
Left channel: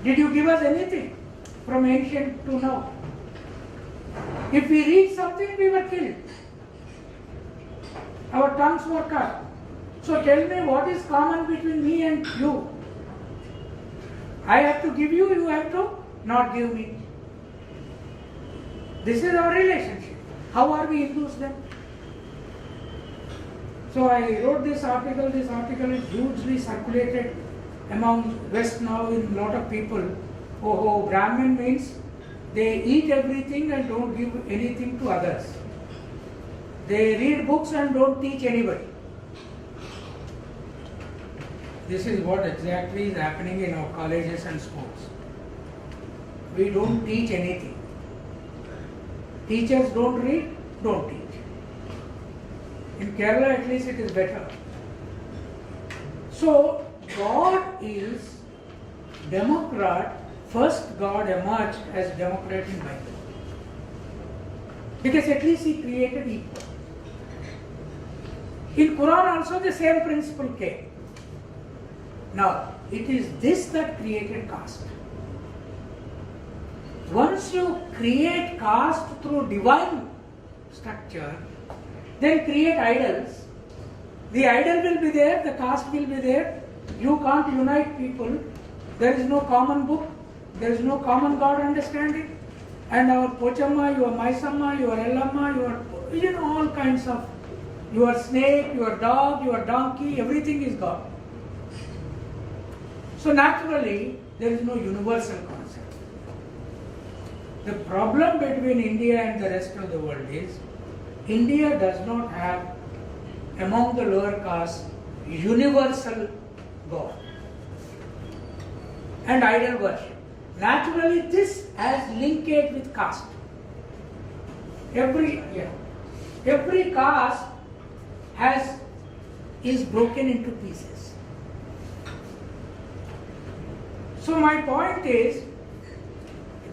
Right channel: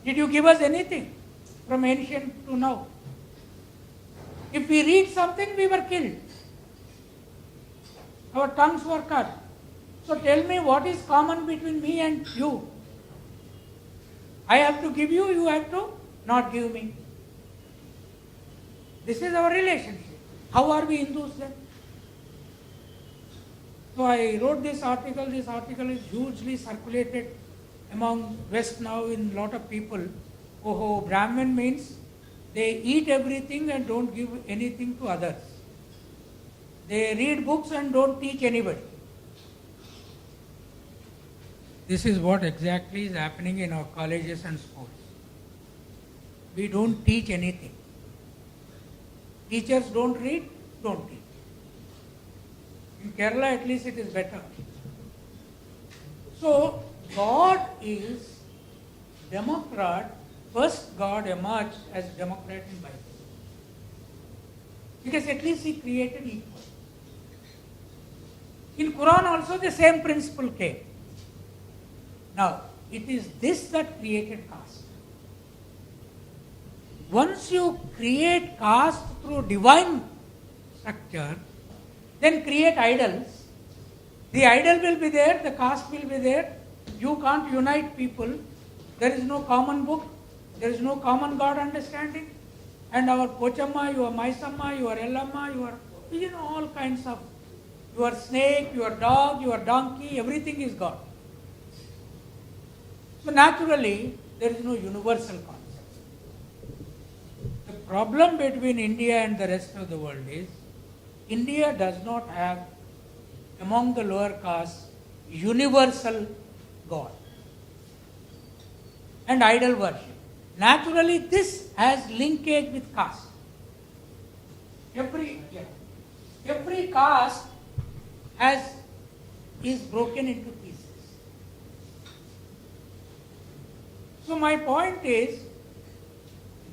Did you give us anything from ancient to now? If we read something, we were killed. Our tongues were cut. So tell me what is common between me and you? I have to give you, you have to not give me. This is our relationship. How are we Hindus then? So I wrote this article. This article is hugely circulated among West now in a lot of people. Oh, Brahmin means they eat everything and don't give anything to others. They read books and don't teach anybody. This is what exactly is happening in our colleges and schools. We don't teach anything. Teachers don't read, don't teach. In Kerala at least it is better. So God is democrat. First God emerged as democrat in Bible. Because at least he created equal. In Quran also the same principle came. Now, it is this that created caste. Once you create caste through divine structure, then create idols. The idol will be there, the caste will be there. You can't unite people. There is no common book. There is no common God understanding. And our Pochamma, your Maisamma, your Ellamma, your all kinds of, your snake, your dog, your donkey, everything is God. So naturally, there is no universal concept. The problem between India and the rest of the world is, India does not have, among the lower caste, universal God and idol worship. Naturally, this has linkage with caste. Every caste is broken into pieces. So my point is,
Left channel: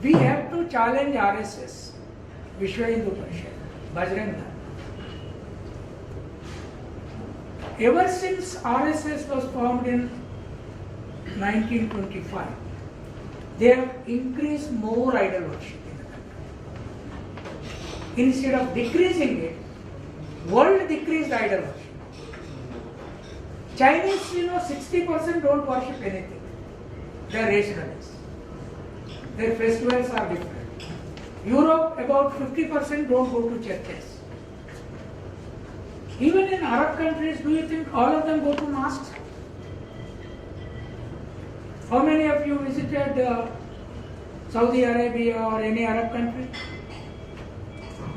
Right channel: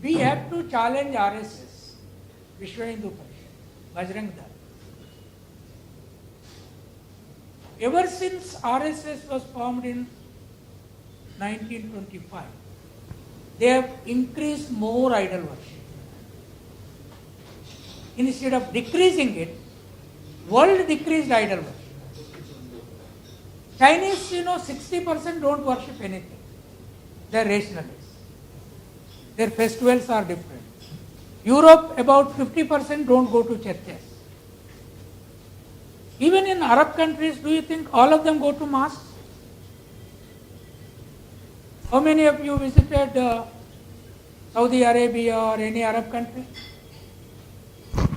we have to challenge RSS, Vishwa Hindu Parishad, Bajrang Dal. Ever since RSS was formed in 1925, they have increased more idol worship in the country. Instead of decreasing it, world decreased idol worship. Chinese, 60% don't worship anything. They are rationalists. Their festivals are different. Europe, about 50% don't go to churches. Even in Arab countries, do you think all of them go to mosques? How many of you visited Saudi Arabia or any Arab country?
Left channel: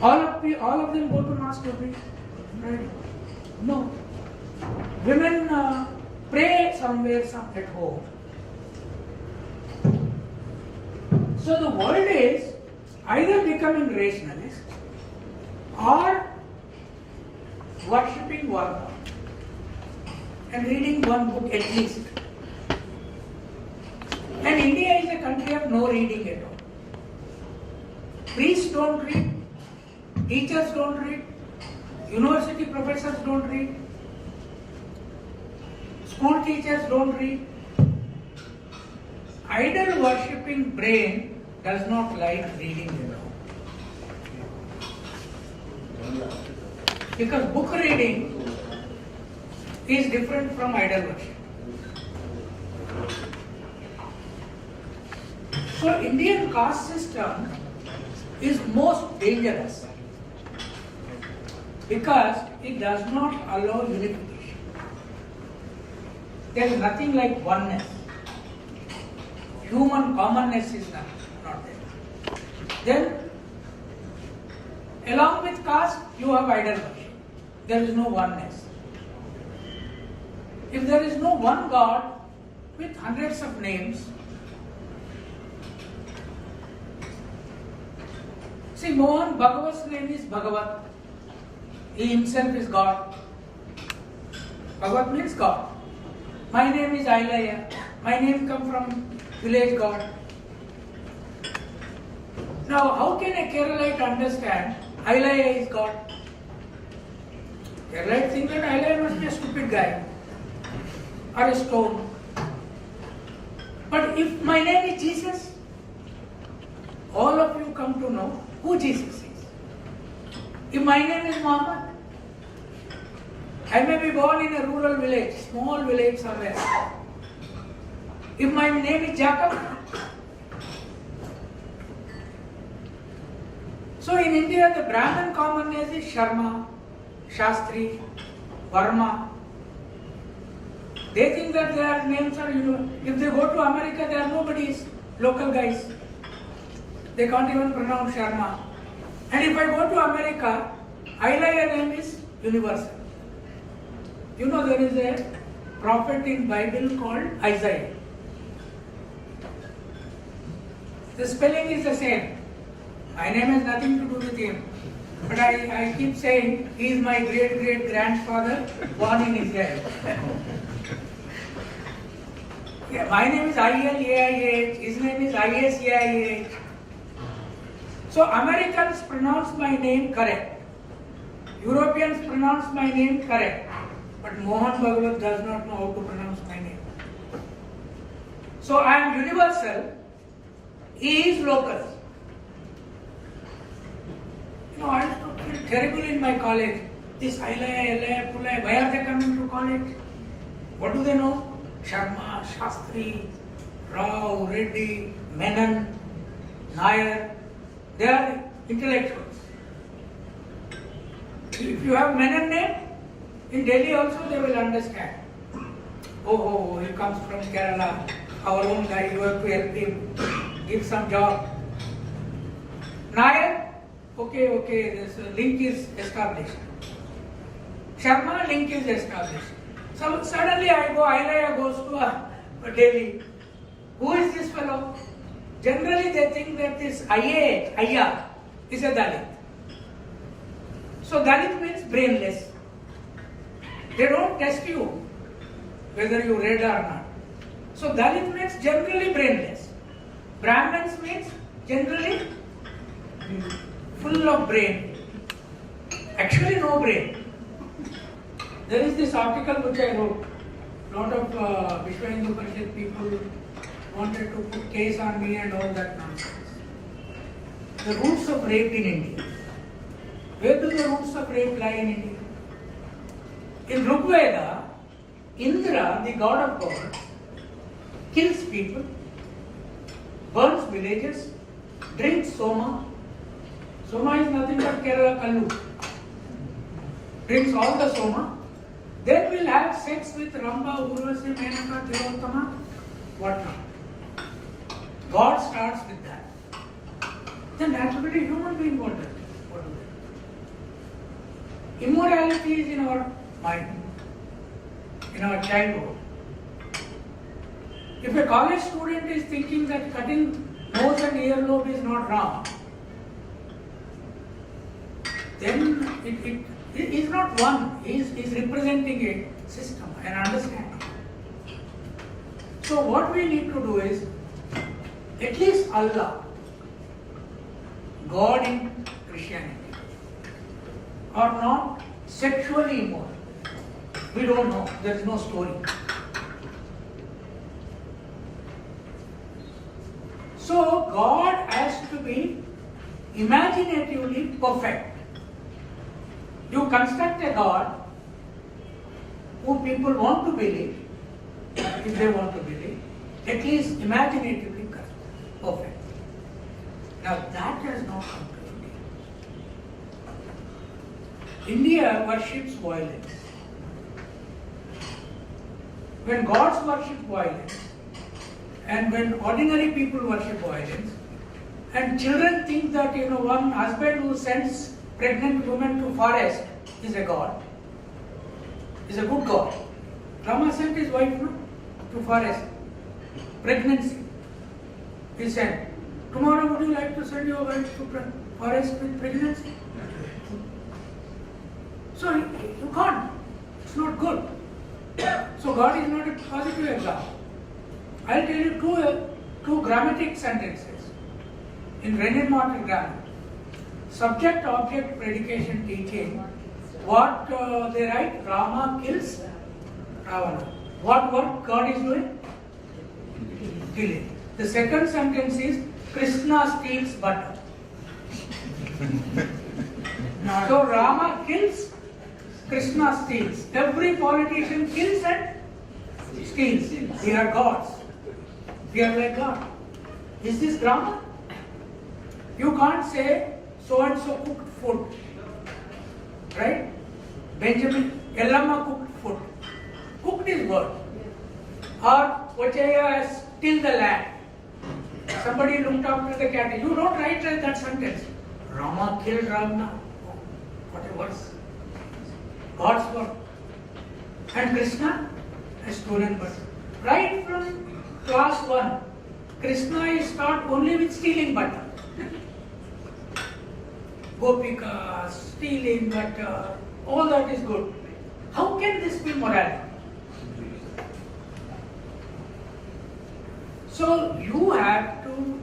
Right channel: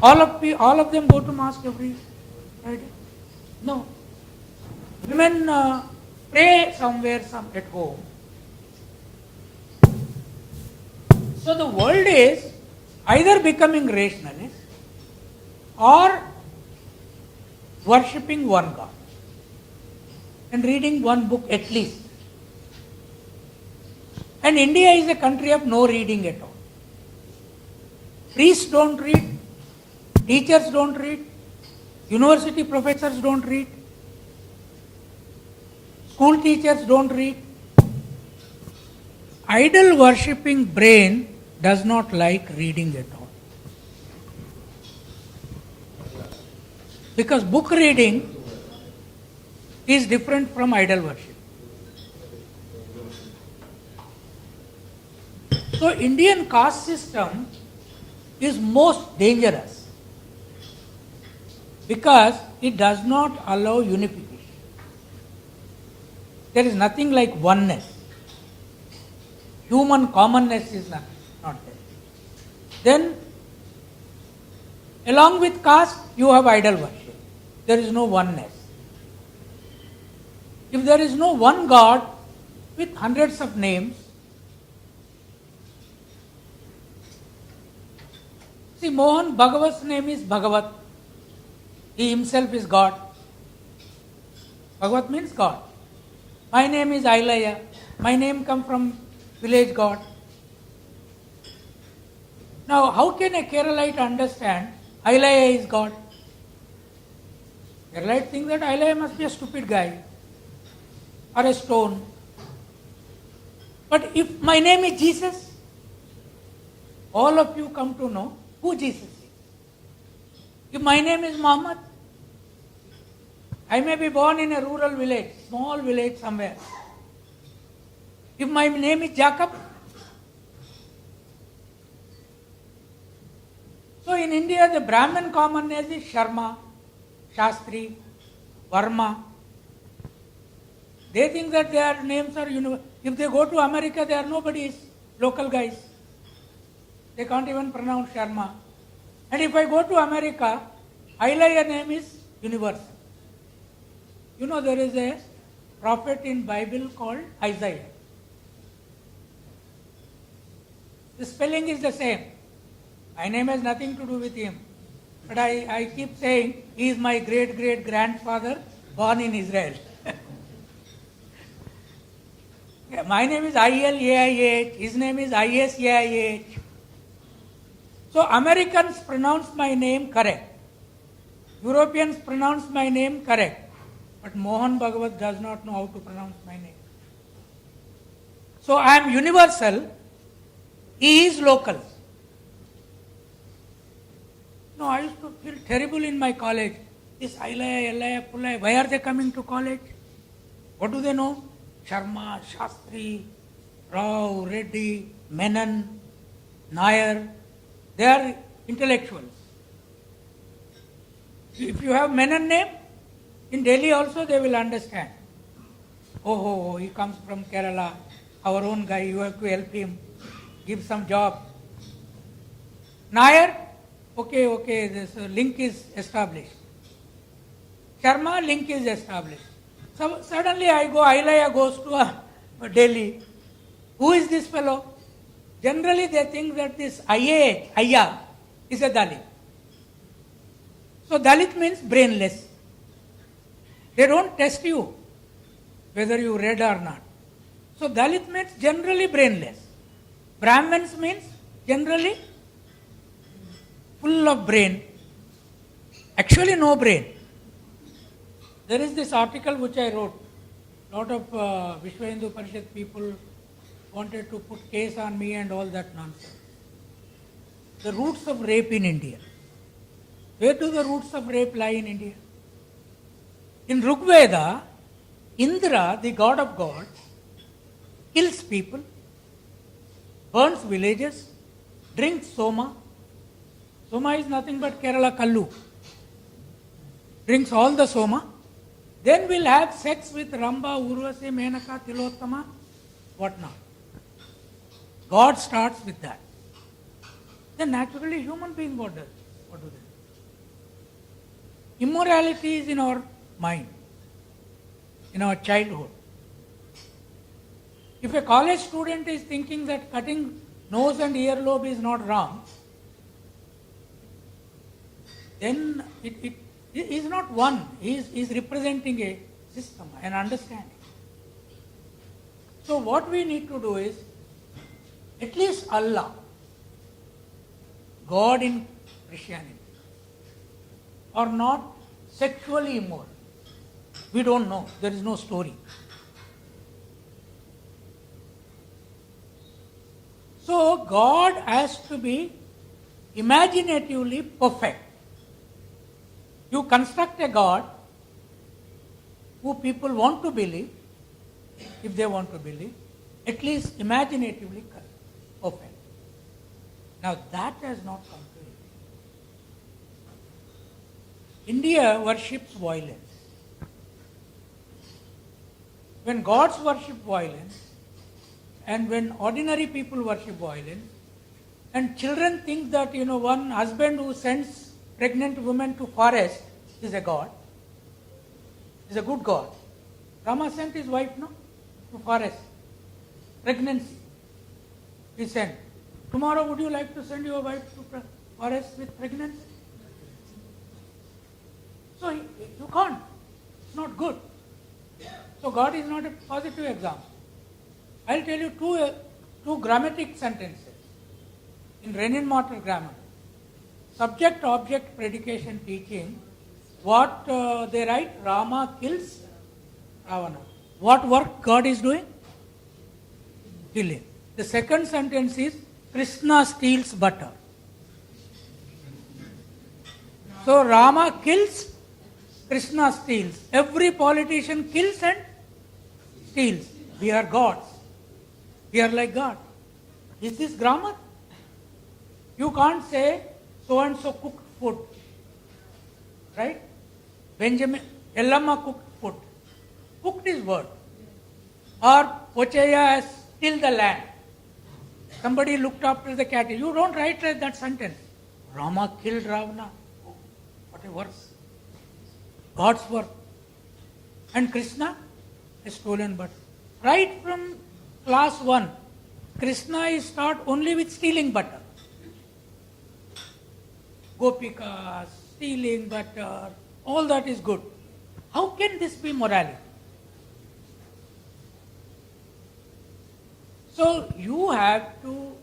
All of them go to mosque every Friday? No. Women pray somewhere at home. So the world is either becoming rationalist or worshipping one God and reading one book at least. And India is a country of no reading at all. Priests don't read, teachers don't read, university professors don't read, school teachers don't read. Idol worshipping brain does not like reading at all. Because book reading is different from idol worship. So Indian caste system is most dangerous because it does not allow unification. There is nothing like oneness. Human commonness is not there. Then, along with caste, you have idol worship. There is no oneness. If there is no one God with hundreds of names, see, Mohan Bhagavat's name is Bhagavat. He himself is God. Bhagavat means God. My name is Ailaya. My name comes from village God. Now, how can a Keralite understand Ailaya is God? Keralite think that Ailaya must be a stupid guy or a stone. But if my name is Jesus, all of you come to know who Jesus is. If my name is Muhammad, I may be born in a rural village, small village somewhere. If my name is Jacob, So in India, the Brahmin common name is Sharma, Shastri, Varma. They think that their names are, if they go to America, they are nobody's, local guys. They can't even pronounce Sharma. And if I go to America, Ilaiah name is universal. There is a prophet in Bible called Isaiah. The spelling is the same. My name has nothing to do with him. But I keep saying, he is my great-great-grandfather born in Israel. Yeah, my name is ILAIH, his name is ISAIH. So Americans pronounce my name correct. Europeans pronounce my name correct. But Mohan Bhagavat does not know how to pronounce my name. So I am universal, he is local. I used to feel terrible in my college. This Ilaiah, Pulai, why are they coming to college? What do they know? Sharma, Shastri, Rao, Reddy, Menon, Nair. They are intellectuals. If you have Menon name, in Delhi also they will understand. Oh, he comes from Kerala, our own guy, you have to help him, give some job. Nair, okay, this link is established. Sharma, link is established. So suddenly Ilaiah goes to Delhi. Who is this fellow? Generally they think that this Ayya is a Dalit. So Dalit means brainless. They don't test you whether you read or not. So Dalit means generally brainless. Brahmins means generally full of brain. Actually no brain. There is this article which I wrote. Lot of Vishwa Hindu Parishad people wanted to put case on me and all that nonsense. The roots of rape in India. Where do the roots of rape lie in India? In Rig Veda, Indra, the god of gods, kills people, burns villages, drinks soma. Soma is nothing but Kerala Kallu. Drinks all the soma. Then will have sex with Ramba, Urvasi, Menaka, Tilottama, whatnot. God starts with that. Then naturally human being what does? What do they do? Immorality is in our mind, in our childhood. If a college student is thinking that cutting nose and earlobe is not wrong, then he is not one, he is representing a system, an understanding. So what we need to do is, at least Allah, God in Christianity, are not sexually immoral. We don't know, there is no story. So God has to be imaginatively perfect. You construct a God who people want to believe, if they want to believe, at least imaginatively perfect. Now that has not come to India. India worships violence. When gods worship violence, and when ordinary people worship violence, and children think that one husband who sends pregnant woman to forest is a god, is a good god. Rama sent his wife to forest. Pregnancy. He sent. Tomorrow would you like to send your wife to forest with pregnancy? So you can't. It's not good. So God is not a positive example. I'll tell you two grammatic sentences in Renan-Mortar grammar. Subject-object predication teaching. What they write? Rama kills Ravana. What work God is doing? Killing. The second sentence is Krishna steals butter. So Rama kills, Krishna steals. Every politician kills and steals. We are gods. We are like God. Is this grammar? You can't say so and so cooked food. Right? Benjamin, Yellamma cooked food. Cooked is word. Or Pochaya has tilled the land. Somebody looked after the cattle. You don't write that sentence. Rama killed Ravana. What a verse. God's word. And Krishna has stolen butter. Right from class 1, Krishna is taught only with stealing butter. Gopika, stealing butter, all that is good. How can this be morality? So you have to,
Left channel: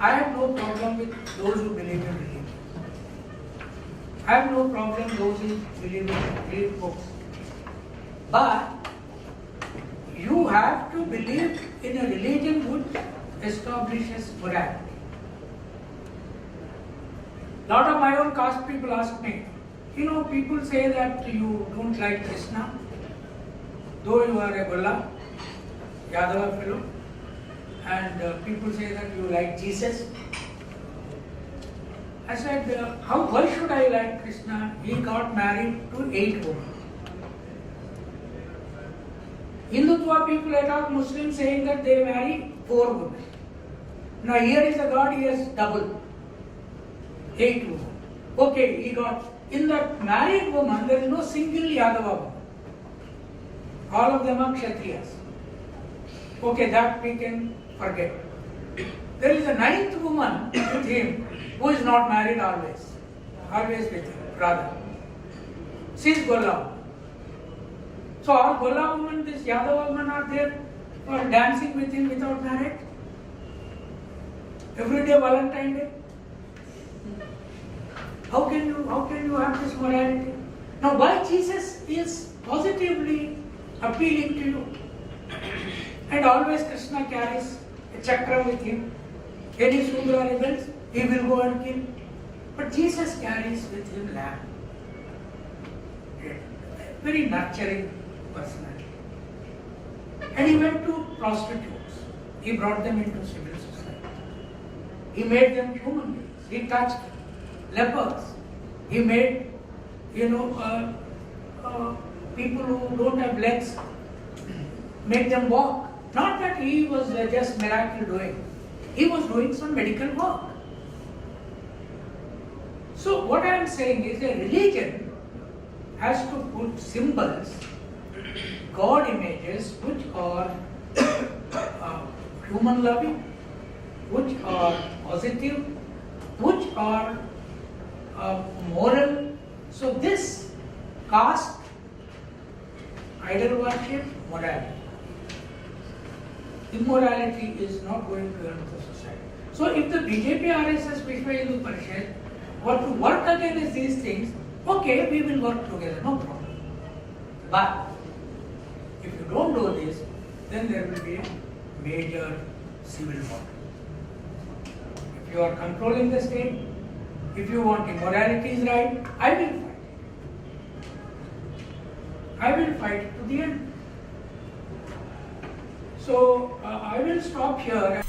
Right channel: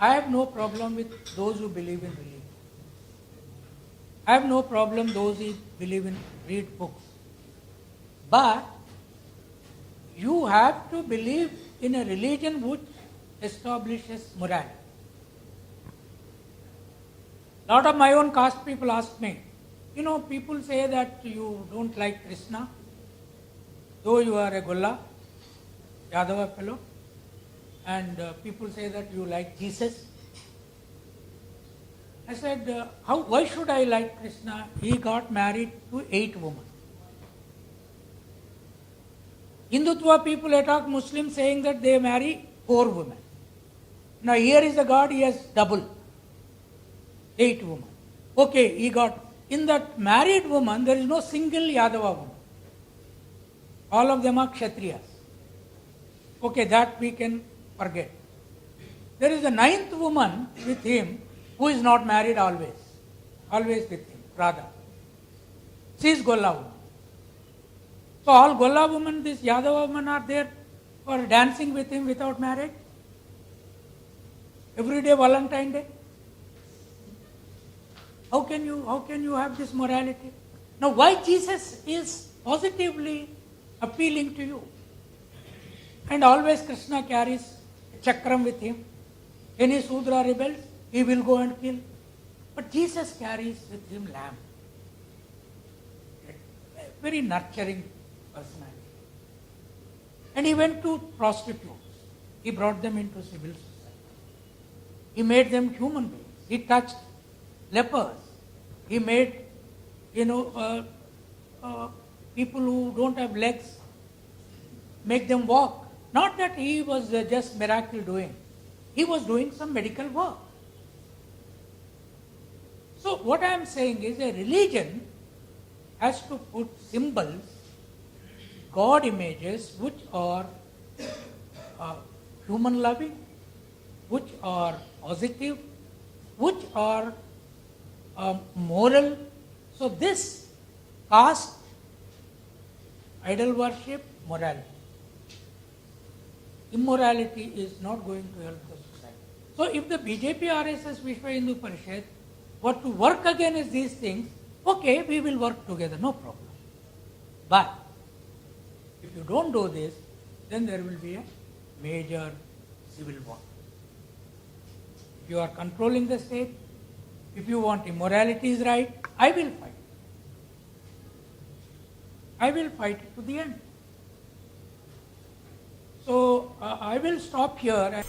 I have no problem with those who believe in religion. I have no problem those who believe in read books. But you have to believe in a religion which establishes morality. A lot of my own caste people ask me, people say that you don't like Krishna, though you are a Golla, Yadava fellow, and people say that you like Jesus. I said, why should I like Krishna? He got married to 8 women. Hindutva people attack Muslims saying that they marry 4 women. Now here is a God, he has double, 8 women. Okay, he got, in that married woman, there is no single Yadava woman. All of them are Kshatriyas. Okay, that we can forget. There is a 9th woman with him who is not married always with him, rather. She is Golla woman. So all Golla women, this Yadava women are there for dancing with him without marriage. Every day Valentine Day. How can you have this morality? Now why Jesus is positively appealing to you? And always Krishna carries a chakram with him. Any Sudra rebels, he will go and kill. But Jesus carries with him lamb. Very nurturing personality. And he went to prostitutes. He brought them into civil society. He made them human beings. He touched lepers. He made, people who don't have legs, make them walk. Not that he was just miracle doing. He was doing some medical work. So what I am saying is a religion has to put symbols, God images, which are human loving, which are positive, which are moral. So this caste, idol worship, morality. Immorality is not going to help the society. So if the BJP, RSS, Vishwa Hindu Parishad were to work against these things, okay, we will work together, no problem. But if you don't do this, then there will be a major civil war. If you are controlling the state, if you want immorality is right, I will fight. I will fight to the end. So I will stop here.